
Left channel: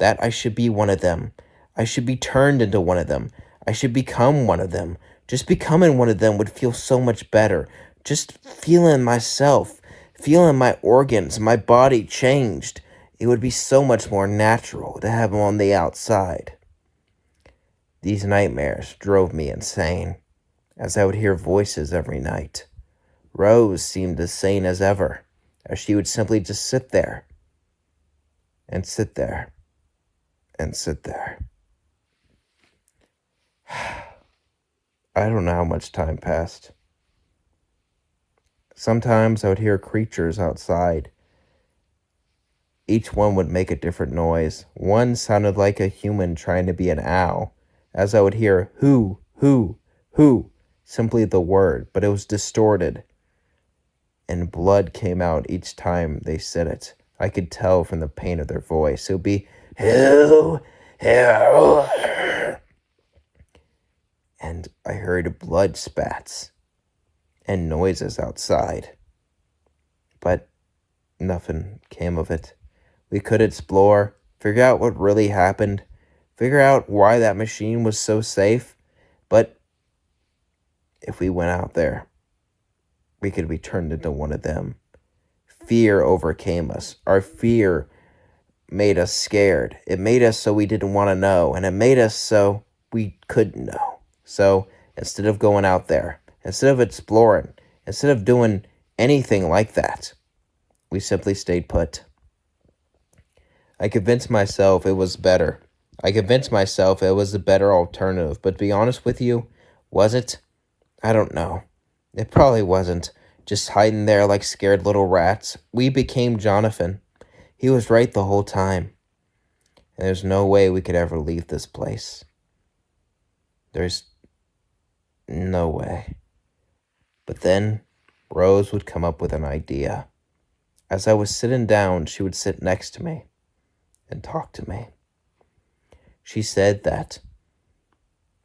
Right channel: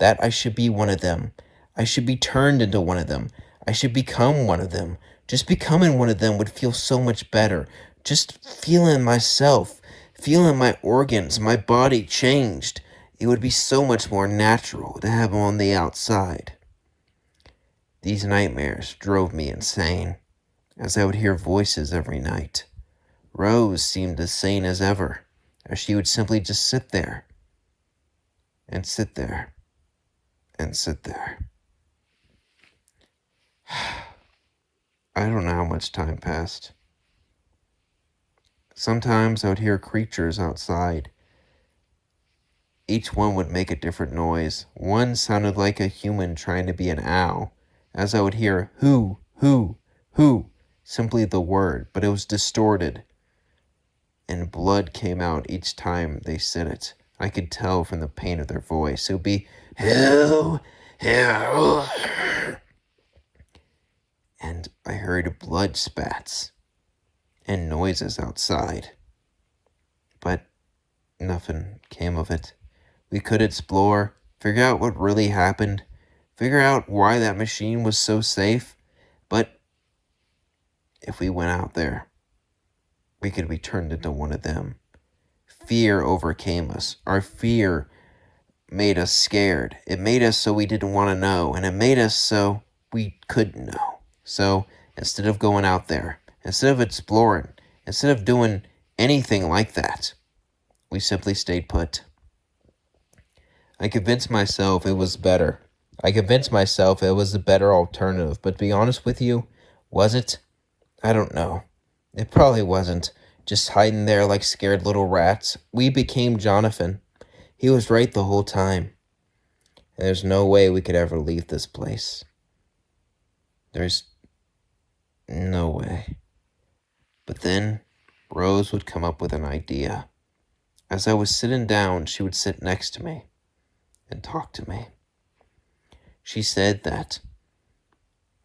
that I should be one of them. I should be turned into one of them. I should become one of them. Just becoming one of them would feel so much better. Just feeling myself, feeling my organs, my body changed. It would be so much more natural to have them on the outside. These nightmares drove me insane, as I would hear voices every night. Rose seemed as sane as ever, as she would simply just sit there, and sit there, and sit there. I don't know how much time passed. Sometimes I would hear creatures outside. Each one would make a different noise. One sounded like a human trying to be an owl, as I would hear who, simply the word, but it was distorted, and blood came out each time they said it. I could tell from the pain of their voice. It would be who, and I heard blood spats and noises outside, but nothing came of it. We could explore, figure out what really happened, figure out why that machine was so safe, but if we went out there, we could be turned into one of them. Fear overcame us. Our fear made us scared. It made us so we didn't want to know, and it made us so we couldn't know. So instead of going out there, instead of exploring, instead of doing anything like that, we simply stayed put. I convinced myself it was better. I convinced myself it was a better alternative, but to be honest with you, was it? I don't know. It probably wasn't. Just hiding there like scared little rats. We became Jonathan. He was right the whole time. And there's no way we could ever leave this place. There's no way. But then Rose would come up with an idea. As I was sitting down, she would sit next to me and talk to me. She said that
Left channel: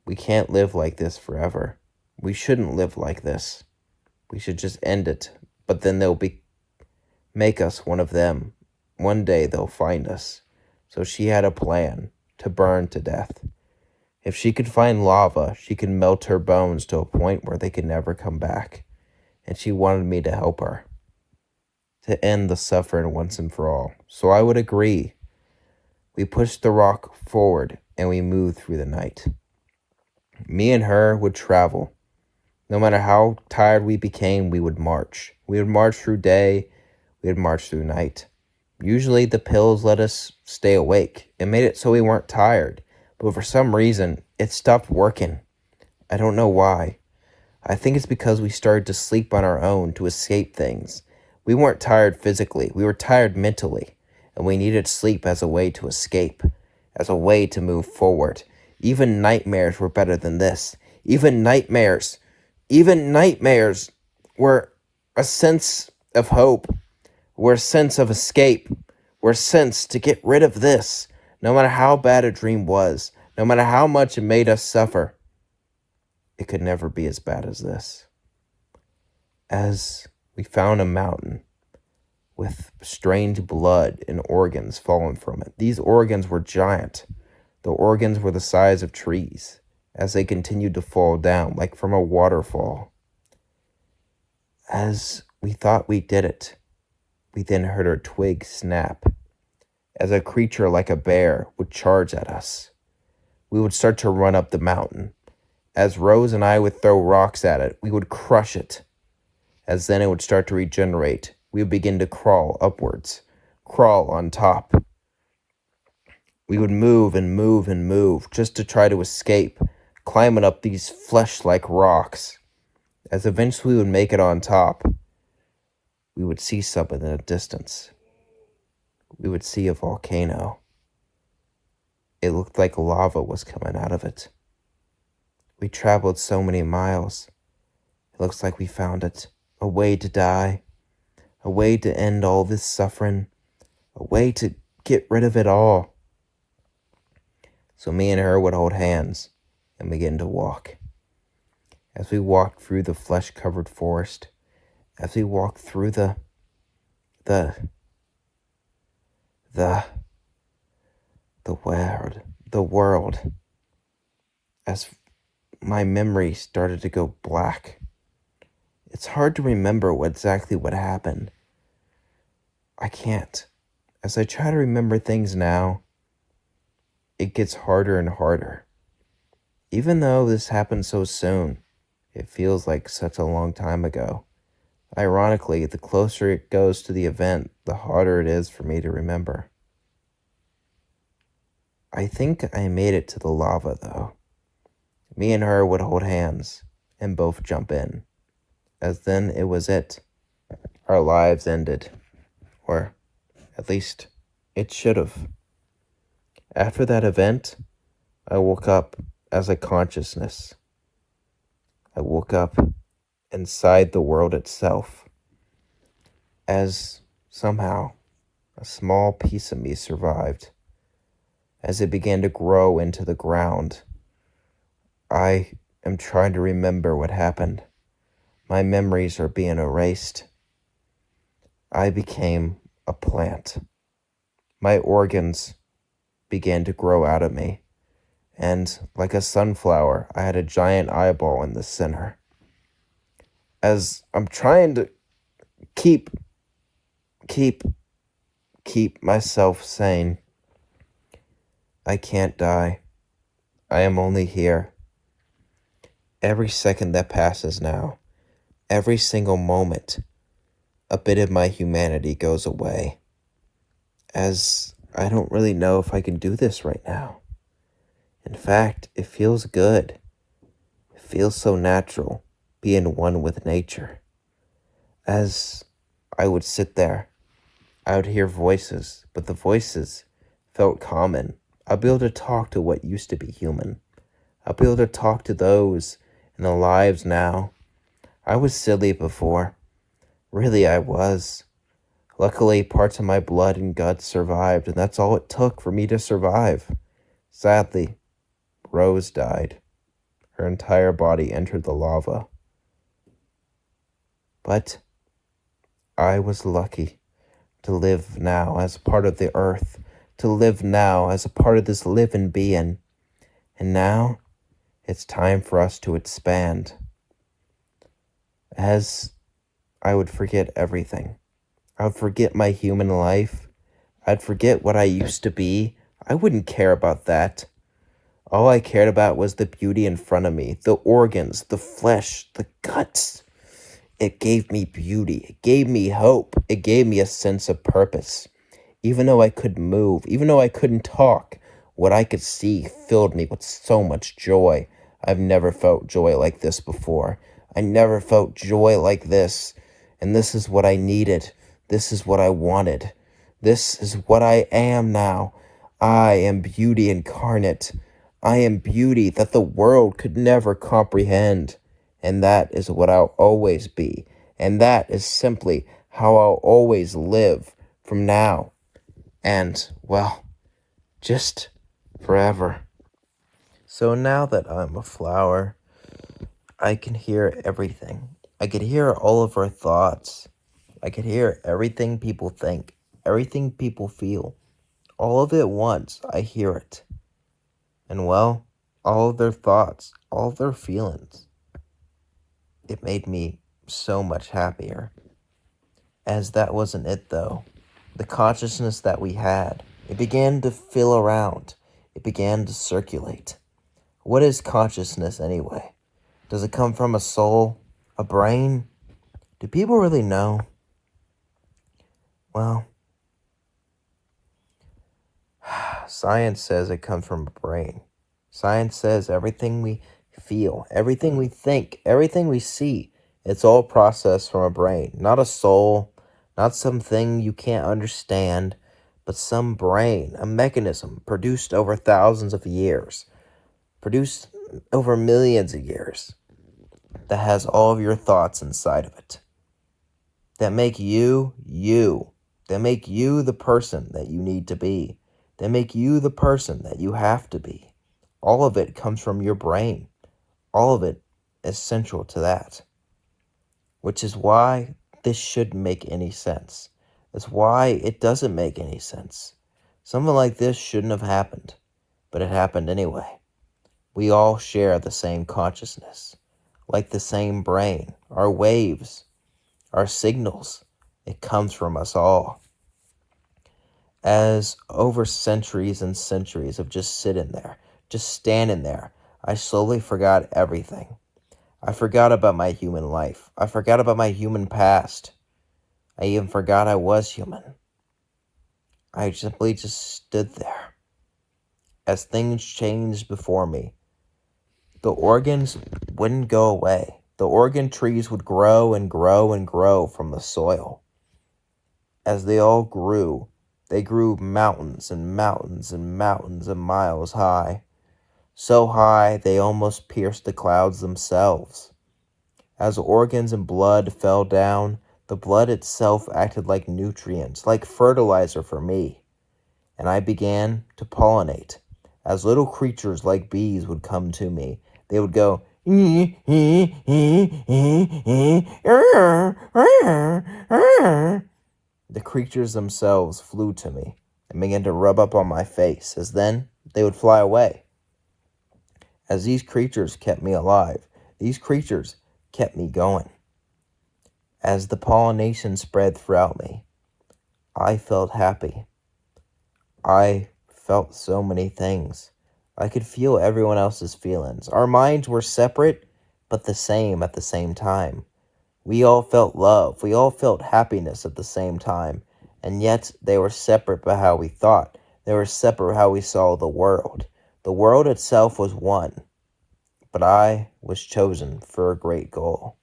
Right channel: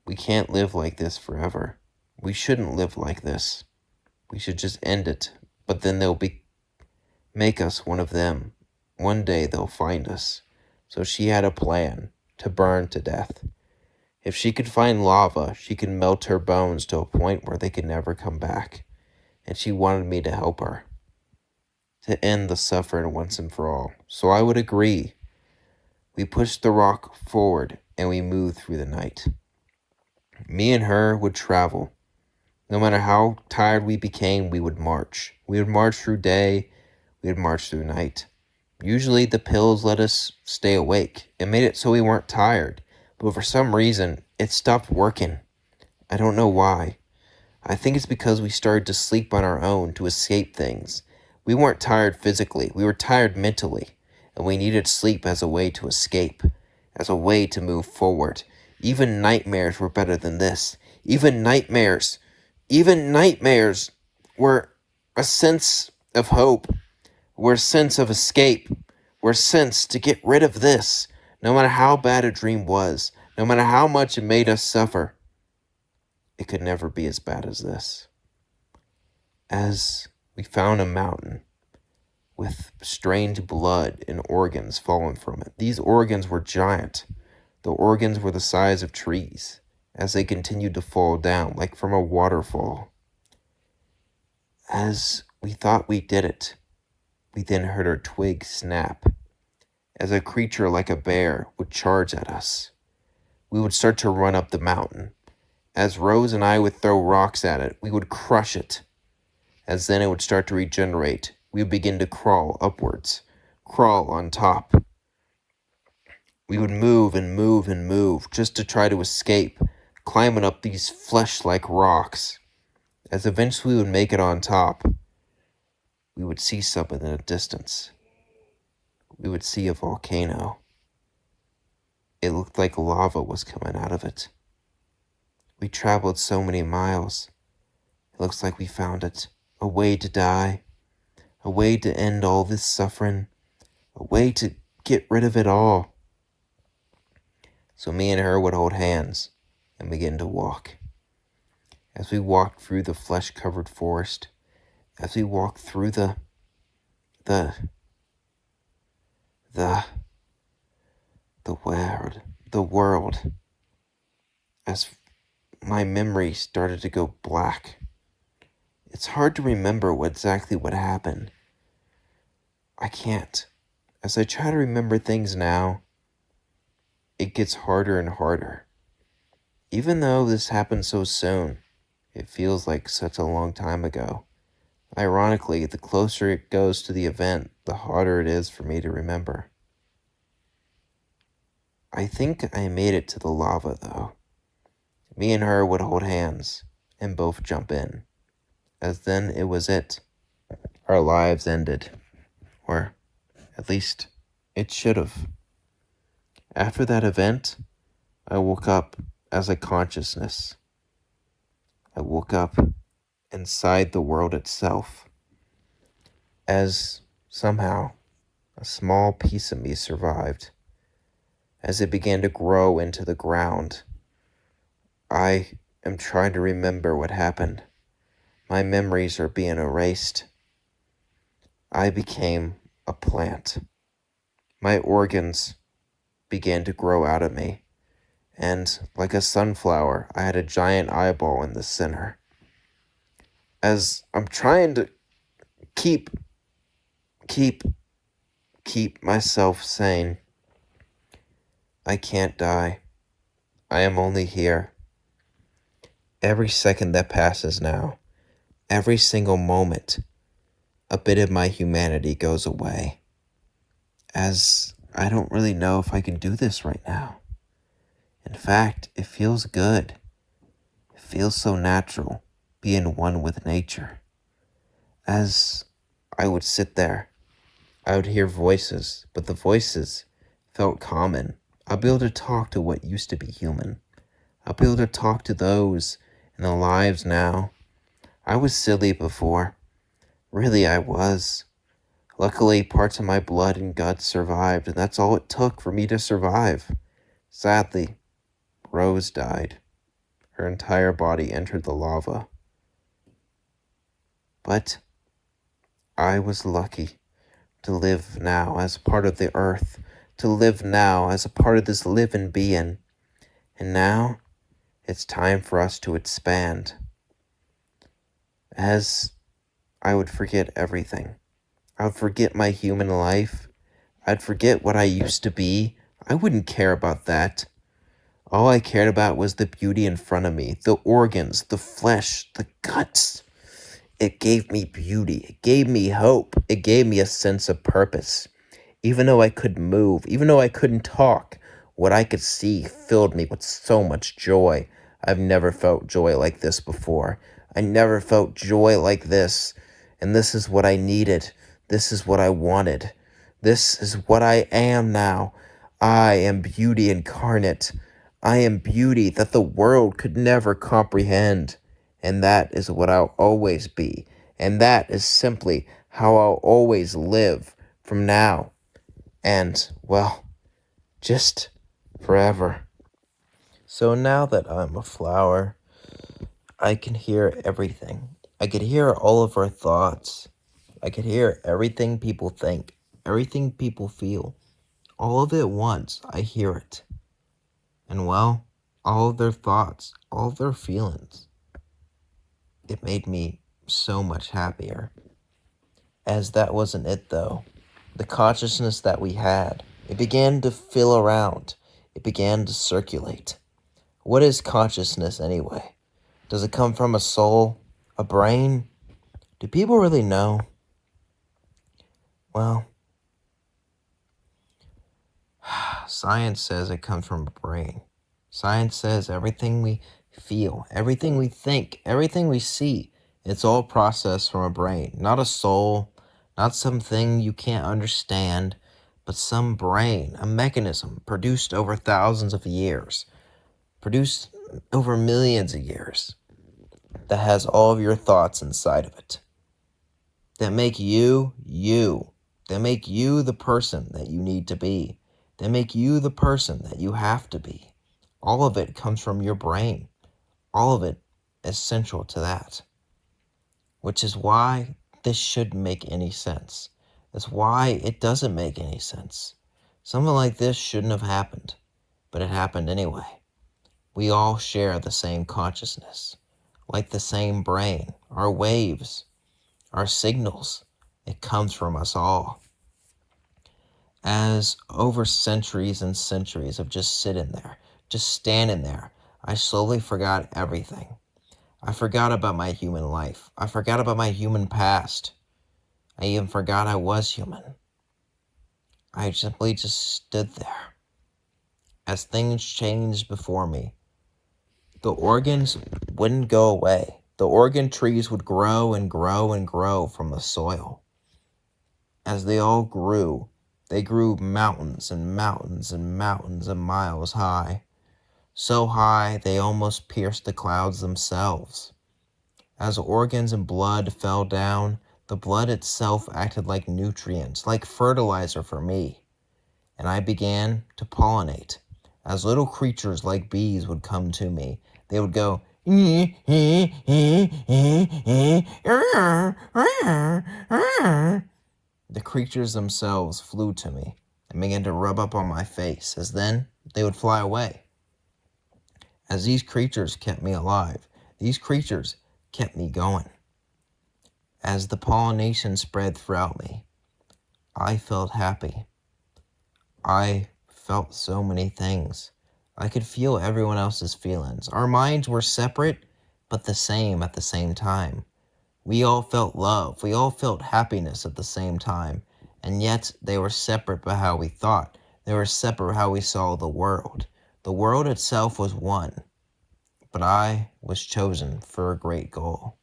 we can't live like this forever. We shouldn't live like this. We should just end it, but then make us one of them. One day they'll find us. So she had a plan to burn to death. If she could find lava, she could melt her bones to a point where they could never come back. And she wanted me to help her, to end the suffering once and for all. So I would agree. We pushed the rock forward and we moved through the night. Me and her would travel. No matter how tired we became, we would march. We would march through day, we would march through night. Usually the pills let us stay awake. It made it so we weren't tired. But for some reason, it stopped working. I don't know why. I think it's because we started to sleep on our own to escape things. We weren't tired physically, we were tired mentally, and we needed sleep as a way to escape, as a way to move forward. Even nightmares were better than this. Even nightmares were a sense of hope, were a sense of escape, were a sense to get rid of this. No matter how bad a dream was, no matter how much it made us suffer, it could never be as bad as this. As we found a mountain with strange blood and organs falling from it. These organs were giant. The organs were the size of trees as they continued to fall down like from a waterfall. As we thought we did it, we then heard a twig snap as a creature like a bear would charge at us. We would start to run up the mountain. As Rose and I would throw rocks at it, we would crush it. As then it would start to regenerate, we would begin to crawl upwards, crawl on top. We would move and move and move just to try to escape, climbing up these flesh-like rocks. As eventually we would make it on top, we would see something in the distance. We would see a volcano. It looked like lava was coming out of it. We traveled so many miles. It looks like we found it. A way to die. A way to end all this suffering. A way to get rid of it all. So me and her would hold hands and begin to walk. As we walked through the flesh-covered forest, as we walked through the world, as my memory started to go black. It's hard to remember exactly what happened. I can't. As I try to remember things now, it gets harder and harder. Even though this happened so soon, it feels like such a long time ago. Ironically, the closer it goes to the event, the harder it is for me to remember. I think I made it to the lava, though. Me and her would hold hands and both jump in, as then it was it. Our lives ended, or at least it should have. After that event, I woke up as a consciousness. I woke up inside the world itself, as somehow a small piece of me survived. As it began to grow into the ground, I am trying to remember what happened. My memories are being erased. I became a plant. My organs began to grow out of me, and like a sunflower, I had a giant eyeball in the center. As I'm trying to keep myself sane, I can't die. I am only here. Every second that passes now, every single moment, a bit of my humanity goes away. As I don't really know if I can do this right now. In fact, it feels good. It feels so natural, being one with nature. As I would sit there, I would hear voices, but the voices felt common. I'll be able to talk to what used to be human. I'll be able to talk to those in the lives now. I was silly before. Really, I was. Luckily, parts of my blood and guts survived, and that's all it took for me to survive. Sadly, Rose died. Her entire body entered the lava. But I was lucky to live now as part of the earth, to live now as a part of this living being. And now it's time for us to expand. As I would forget everything. I would forget my human life. I'd forget what I used to be. I wouldn't care about that. All I cared about was the beauty in front of me, the organs, the flesh, the guts. It gave me beauty. It gave me hope. It gave me a sense of purpose. Even though I couldn't move, even though I couldn't talk, what I could see filled me with so much joy. I've never felt joy like this before. I never felt joy like this. And this is what I needed. This is what I wanted. This is what I am now. I am beauty incarnate. I am beauty that the world could never comprehend. And that is what I'll always be. And that is simply how I'll always live from now. And, well, just forever. So now that I'm a flower, I can hear everything. I could hear all of our thoughts. I could hear everything people think, everything people feel. All of it at once, I hear it. And, well, all of their thoughts, all of their feelings. It made me so much happier. As that wasn't it, though. The consciousness that we had, it began to fill around. It began to circulate. What is consciousness anyway? Does it come from a soul? A brain? Do people really know? Well, science says it comes from a brain. Science says everything we feel, everything we think, everything we see, it's all processed from a brain. Not a soul, not something you can't understand, but some brain, a mechanism produced over thousands of years, produced over millions of years, that has all of your thoughts inside of it, that make you, that make you the person that you need to be, that make you the person that you have to be. All of it comes from your brain. All of it is central to that, which is why this shouldn't make any sense. That's why it doesn't make any sense. Something like this shouldn't have happened, but it happened anyway. We all share the same consciousness, like the same brain, our waves, our signals. It comes from us all. As over centuries and centuries of just sitting there, just standing there, I slowly forgot everything. I forgot about my human life. I forgot about my human past. I even forgot I was human. I simply just stood there. As things changed before me, the organs wouldn't go away. The organ trees would grow and grow and grow from the soil. As they all grew, they grew mountains and mountains and mountains of miles high. So high they almost pierced the clouds themselves. As organs and blood fell down, the blood itself acted like nutrients, like fertilizer for me. And I began to pollinate. As little creatures like bees would come to me, they would go, the creatures themselves flew to me and began to rub up on my face, as then they would fly away. As these creatures kept me alive, these creatures kept me going. As the pollination spread throughout me, I felt happy. I felt so many things. I could feel everyone else's feelings. Our minds were separate, but the same at the same time. We all felt love. We all felt happiness at the same time. And yet they were separate by how we thought. They were separate how we saw the world. The world itself was one, but I was chosen for a great goal.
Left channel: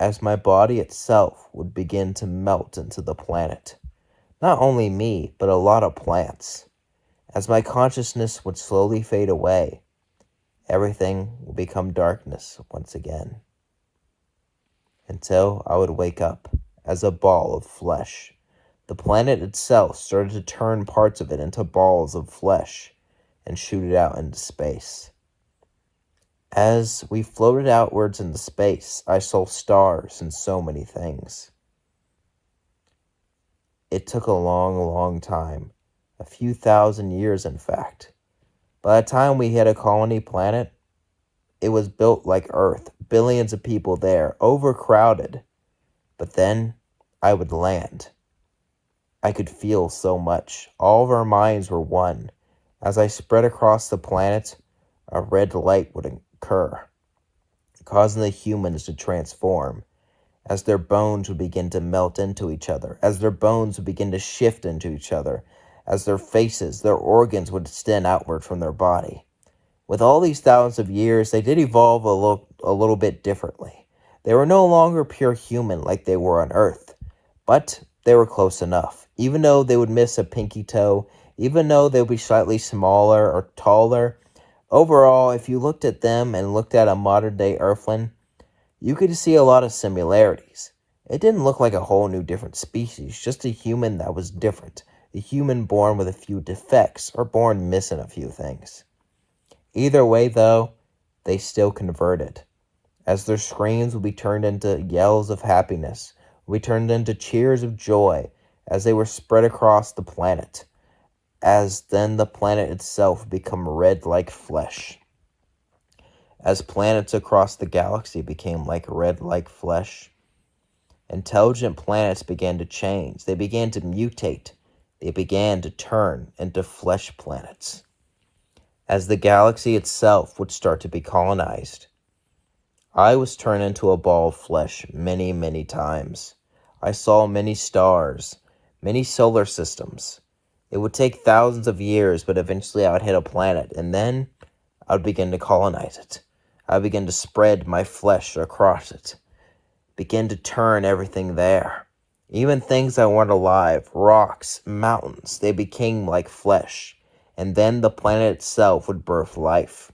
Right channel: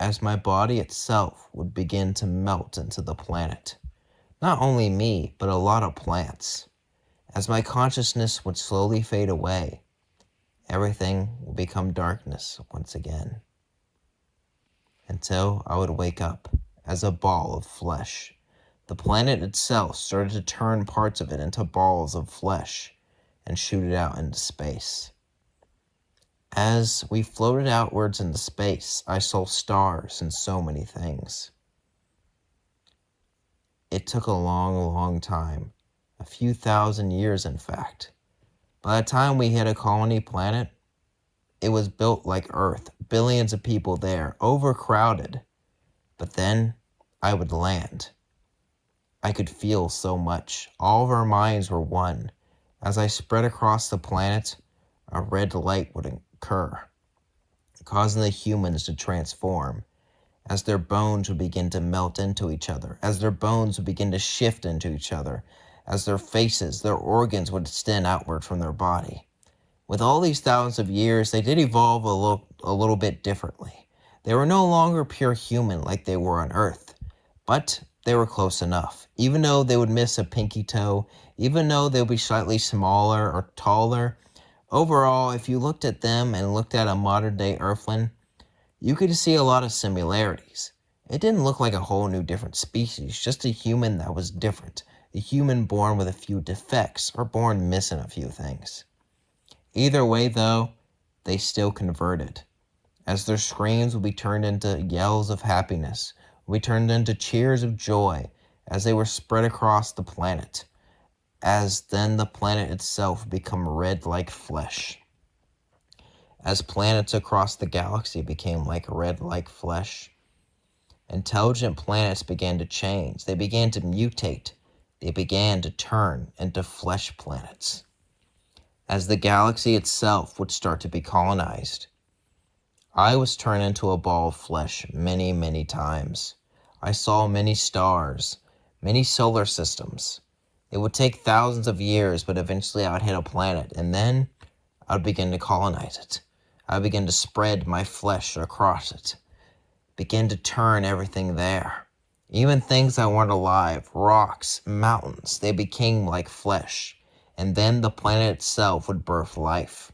As my body itself would begin to melt into the planet, not only me, but a lot of plants. As my consciousness would slowly fade away, everything would become darkness once again, until I would wake up as a ball of flesh. The planet itself started to turn parts of it into balls of flesh and shoot it out into space. As we floated outwards into space, I saw stars and so many things. It took a long, long time, a few thousand years in fact. By the time we hit a colony planet, it was built like Earth, billions of people there, overcrowded. But then I would land. I could feel so much. All of our minds were one. As I spread across the planet, a red light would occur, causing the humans to transform, as their bones would begin to melt into each other, as their bones would begin to shift into each other, as their faces, their organs would extend outward from their body. With all these thousands of years, they did evolve a little bit differently. They were no longer pure human like they were on Earth, but they were close enough. Even though they would miss a pinky toe, even though they would be slightly smaller or taller, overall, if you looked at them and looked at a modern-day Earthling, you could see a lot of similarities. It didn't look like a whole new different species, just a human that was different, a human born with a few defects or born missing a few things. Either way, though, they still converted, as their screams would be turned into yells of happiness, would be turned into cheers of joy as they were spread across the planet, as then the planet itself would become red like flesh. As planets across the galaxy became like red like flesh, intelligent planets began to change. They began to mutate. They began to turn into flesh planets. As the galaxy itself would start to be colonized, I was turned into a ball of flesh many, many times. I saw many stars, many solar systems. It would take thousands of years, but eventually I would hit a planet, and then I would begin to colonize it. I would begin to spread my flesh across it, begin to turn everything there. Even things that weren't alive, rocks, mountains, they became like flesh, and then the planet itself would birth life.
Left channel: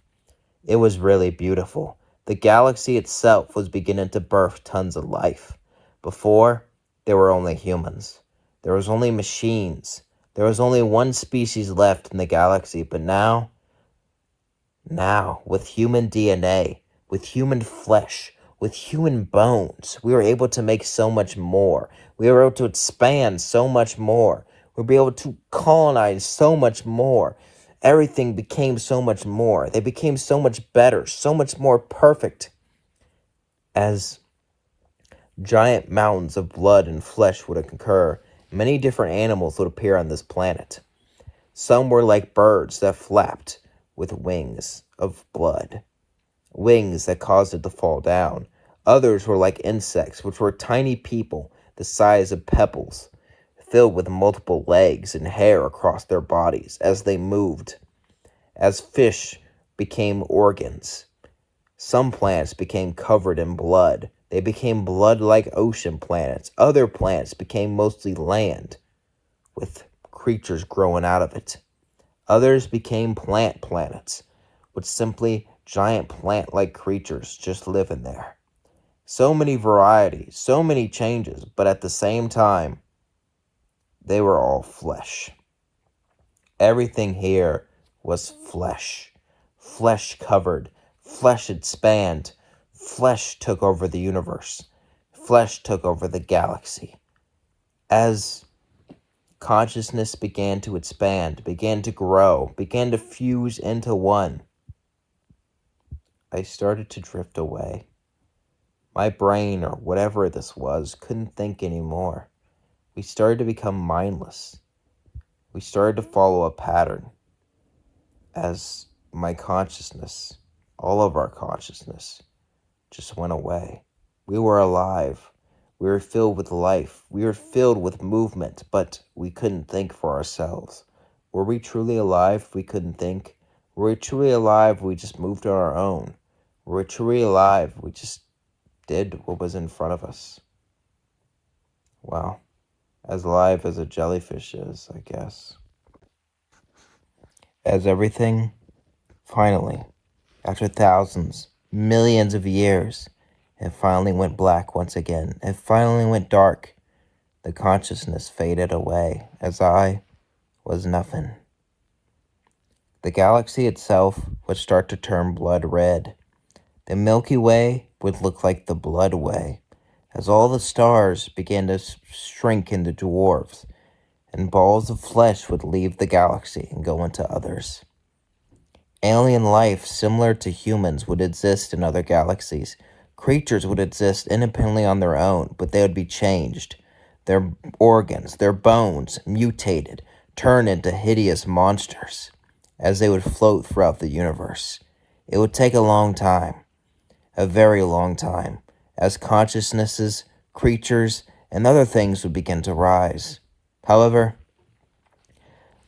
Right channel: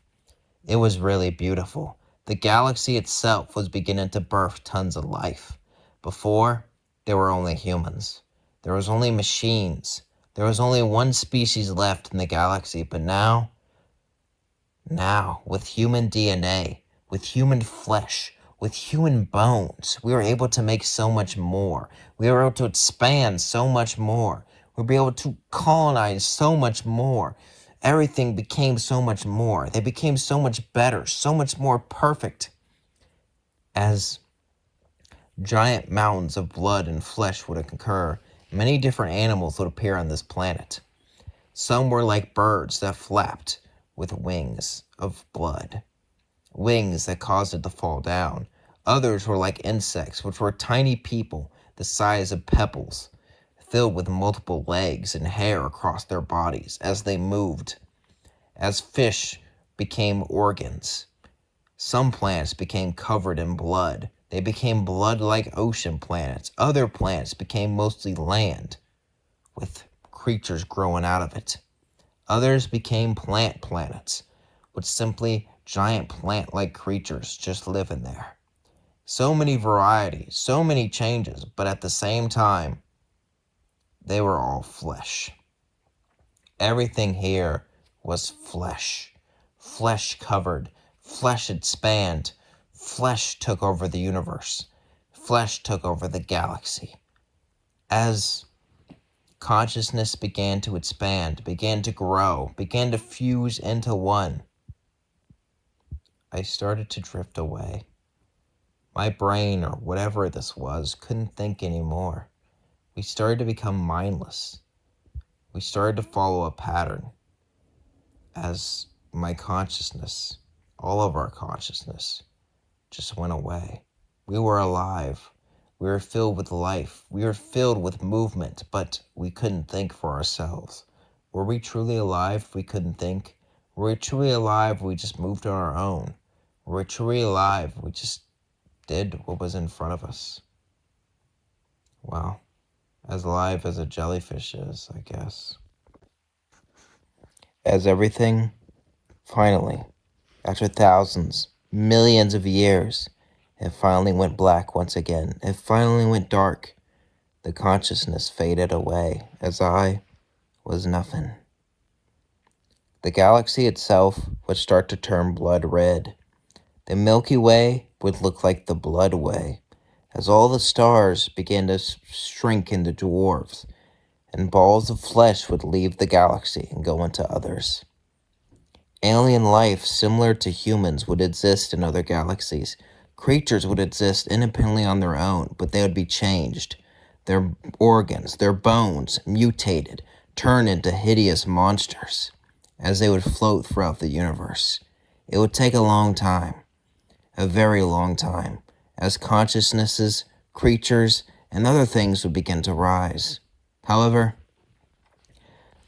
It was really beautiful. The galaxy itself was beginning to birth tons of life. Before, there were only humans. There was only machines. There was only one species left in the galaxy, but now, with human DNA, with human flesh, with human bones, we were able to make so much more. We were able to expand so much more. We were able to colonize so much more. Everything became so much more. They became so much better, so much more perfect. As giant mountains of blood and flesh would occur, many different animals would appear on this planet. Some were like birds that flapped with wings of blood, wings that caused it to fall down. Others were like insects, which were tiny people the size of pebbles, filled with multiple legs and hair across their bodies as they moved. As fish became organs, some planets became covered in blood. They became blood-like ocean planets. Other planets became mostly land, with creatures growing out of it. Others became plant planets, with simply giant plant-like creatures just living there. So many varieties, so many changes, but at the same time, they were all flesh. Everything here was flesh. Flesh covered, flesh expand, flesh took over the universe. Flesh took over the galaxy. As consciousness began to expand, began to grow, began to fuse into one, I started to drift away. My brain, or whatever this was, couldn't think anymore. We started to become mindless. We started to follow a pattern. As my consciousness, all of our consciousness, just went away. We were alive. We were filled with life. We were filled with movement, but we couldn't think for ourselves. Were we truly alive if we couldn't think? Were we truly alive if we just moved on our own? Were we truly alive if we just did what was in front of us? Well, as alive as a jellyfish is, I guess. As everything, finally, after thousands, millions of years, it finally went black once again. It finally went dark. The consciousness faded away as I was nothing. The galaxy itself would start to turn blood red. The Milky Way would look like the Blood Way, as all the stars began to shrink into dwarfs, and balls of flesh would leave the galaxy and go into others. Alien life similar to humans would exist in other galaxies. Creatures would exist independently on their own, but they would be changed. Their organs, their bones, mutated, turned into hideous monsters as they would float throughout the universe. It would take a long time, a very long time, as consciousnesses, creatures, and other things would begin to rise. However,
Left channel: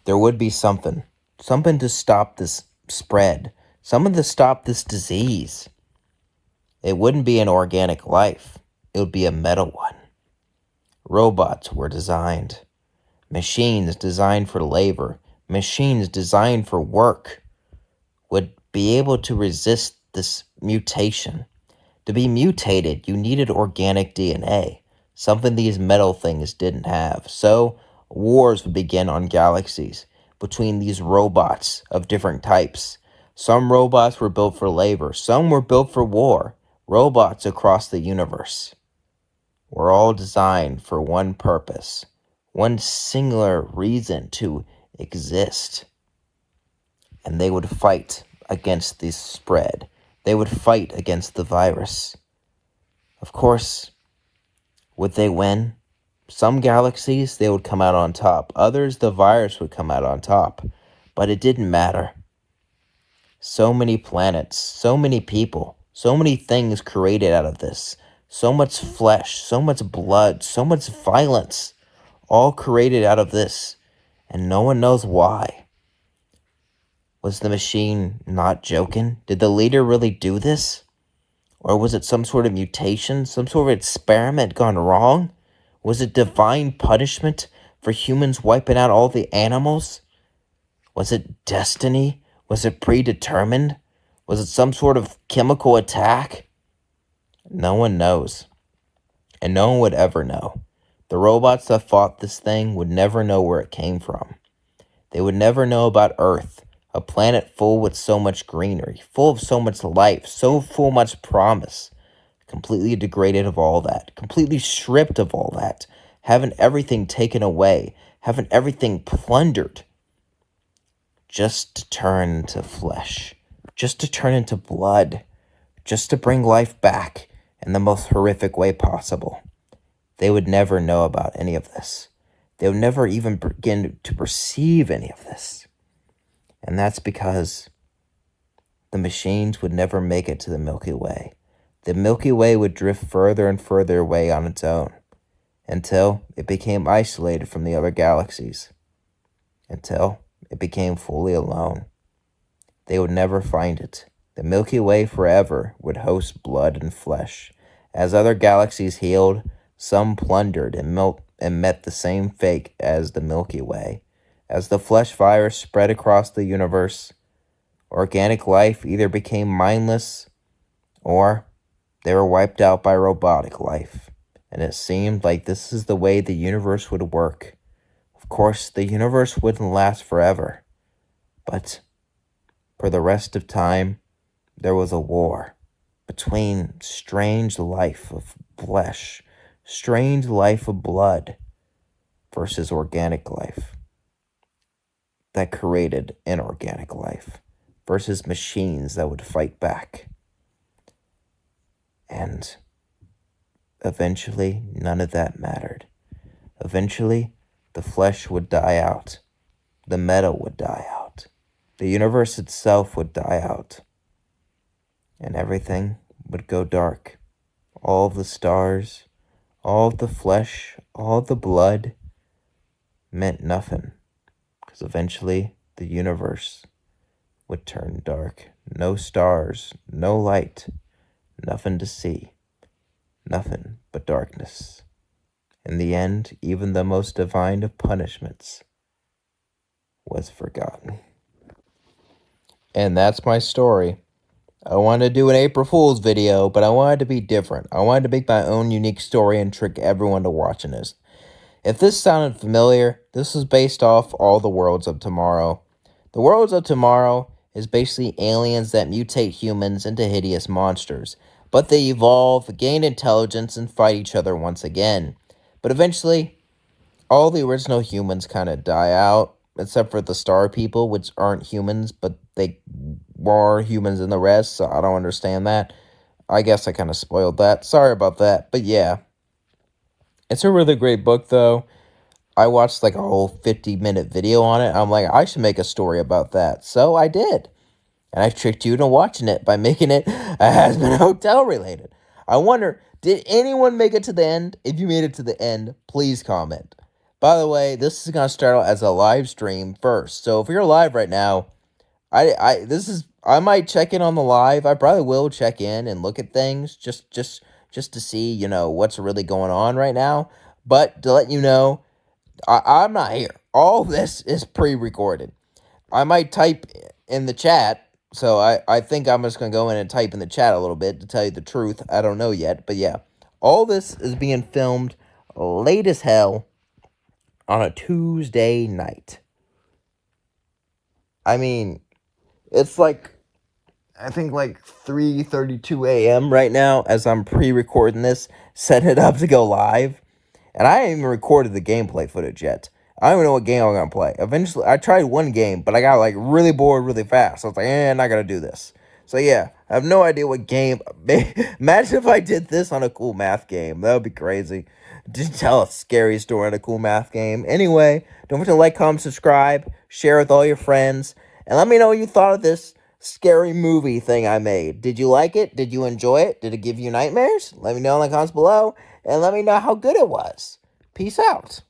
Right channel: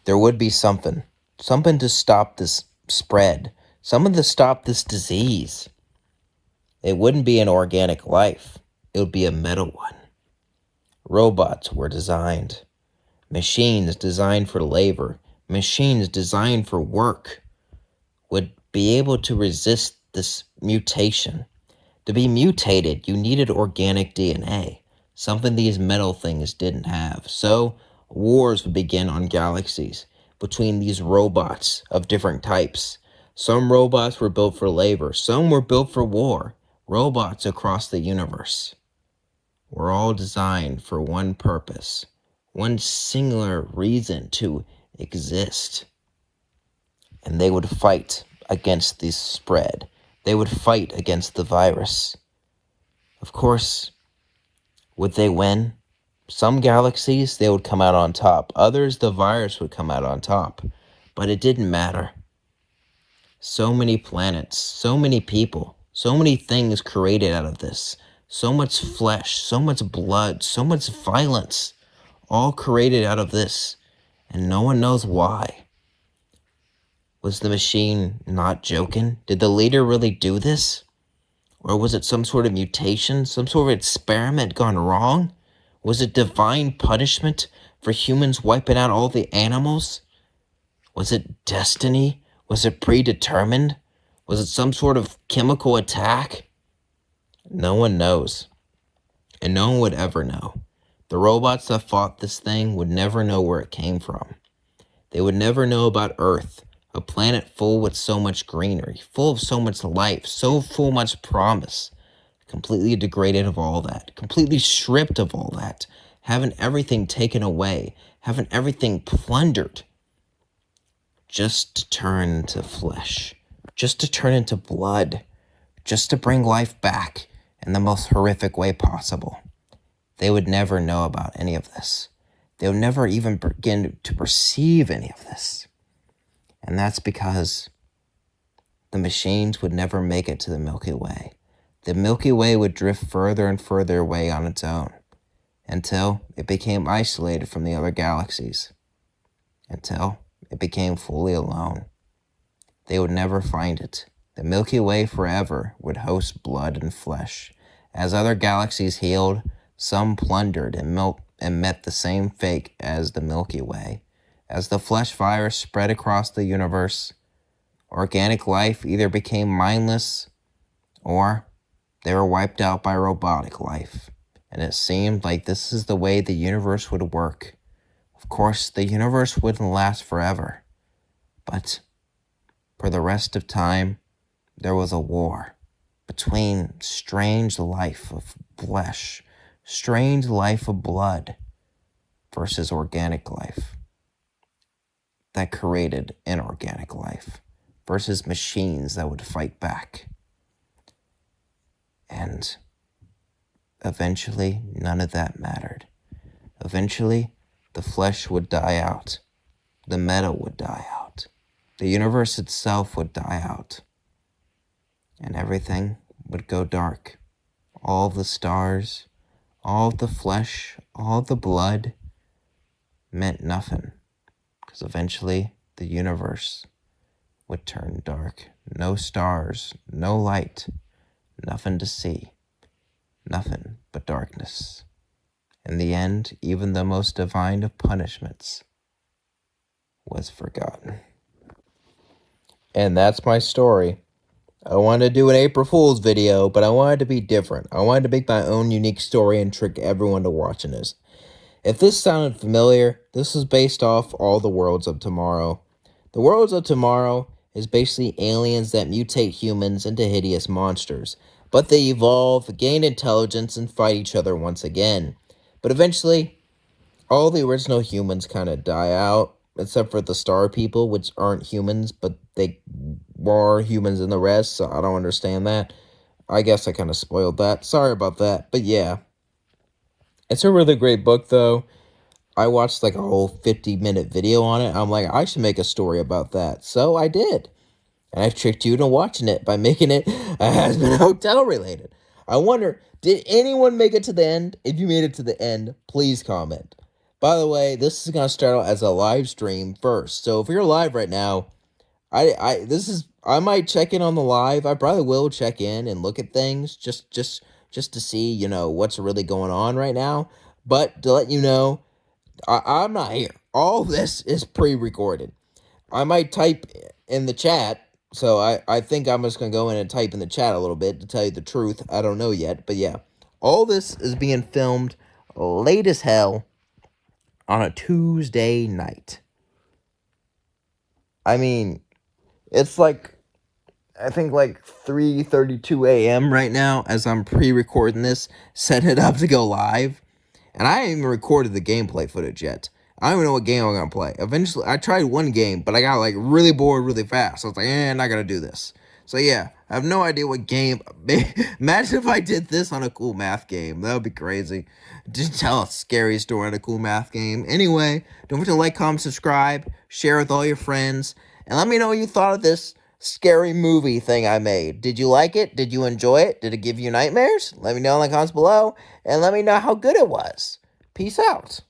there would be something to stop this spread, something to stop this disease. It wouldn't be an organic life, it would be a metal one. Robots were designed, machines designed for labor, machines designed for work, would be able to resist this mutation. To be mutated, you needed organic DNA, something these metal things didn't have. So, wars would begin on galaxies between these robots of different types. Some robots were built for labor, some were built for war. Robots across the universe were all designed for one purpose, one singular reason to exist. And they would fight against this spread. They would fight against the virus. Of course, would they win? Some galaxies, they would come out on top. Others, the virus would come out on top. But it didn't matter. So many planets, so many people, so many things created out of this. So much flesh, so much blood, so much violence, all created out of this. And no one knows why. Was the machine not joking? Did the leader really do this? Or was it some sort of mutation, some sort of experiment gone wrong? Was it divine punishment for humans wiping out all the animals? Was it destiny? Was it predetermined? Was it some sort of chemical attack? No one knows. And no one would ever know. The robots that fought this thing would never know where it came from. They would never know about Earth, a planet full with so much greenery, full of so much life, so full of much promise. Completely degraded of all that, completely stripped of all that, having everything taken away, having everything plundered, just to turn into flesh, just to turn into blood, just to bring life back in the most horrific way possible. They would never know about any of this. They would never even begin to perceive any of this. And that's because the machines would never make it to the Milky Way. The Milky Way would drift further and further away on its own, until it became isolated from the other galaxies, until it became fully alone. They would never find it. The Milky Way forever would host blood and flesh. As other galaxies healed, some plundered and met the same fate as the Milky Way. As the flesh virus spread across the universe, organic life either became mindless or they were wiped out by robotic life. And it seemed like this is the way the universe would work. Of course, the universe wouldn't last forever. But for the rest of time, there was a war between strange life of flesh, strange life of blood, versus organic life that created inorganic life, versus machines that would fight back. And eventually, none of that mattered. Eventually, the flesh would die out. The metal would die out. The universe itself would die out. And everything would go dark. All the stars, all the flesh, all the blood meant nothing. Because eventually, the universe would turn dark. No stars, no light, nothing to see. Nothing but darkness. In the end, even the most divine of punishments was forgotten. And that's my story. I wanted to do an April Fool's video, but I wanted to be different. I wanted to make my own unique story and trick everyone to watching this. If this sounded familiar, this is based off all the Worlds of Tomorrow. The Worlds of Tomorrow is basically aliens that mutate humans into hideous monsters. But they evolve, gain intelligence, and fight each other once again. But eventually, all the original humans kind of die out, except for the star people, which aren't humans, but they are humans in the rest, so I don't understand that. I guess I kind of spoiled that. Sorry about that. But yeah, it's a really great book, though. I watched like a whole 50-minute video on it. I'm like, I should make a story about that. So I did. And I tricked you into watching it by making it a Hazbin Hotel related. I wonder, did anyone make it to the end? If you made it to the end, please comment. By the way, this is going to start out as a live stream first. So if you're live right now, I might check in on the live. I probably will check in and look at things just to see, what's really going on right now. But to let you know, I'm not here. All this is pre-recorded. I might type in the chat, so I think I'm just going to go in and type in the chat a little bit to tell you the truth. I don't know yet, but yeah. All this is being filmed late as hell on a Tuesday night. I mean, it's like, I think like 3:32 a.m. right now as I'm pre-recording this, setting it up to go live. And I haven't even recorded the gameplay footage yet. I don't even know what game I'm going to play. Eventually, I tried one game, but I got like really bored really fast. So I was like, I'm not going to do this. So yeah, I have no idea what game. Imagine if I did this on a cool math game. That would be crazy. Just tell a scary story on a cool math game. Anyway, don't forget to like, comment, subscribe, share with all your friends, and let me know what you thought of this scary movie thing I made. Did you like it? Did you enjoy it? Did it give you nightmares? Let me know in the comments below, and let me know how good it was. Peace out.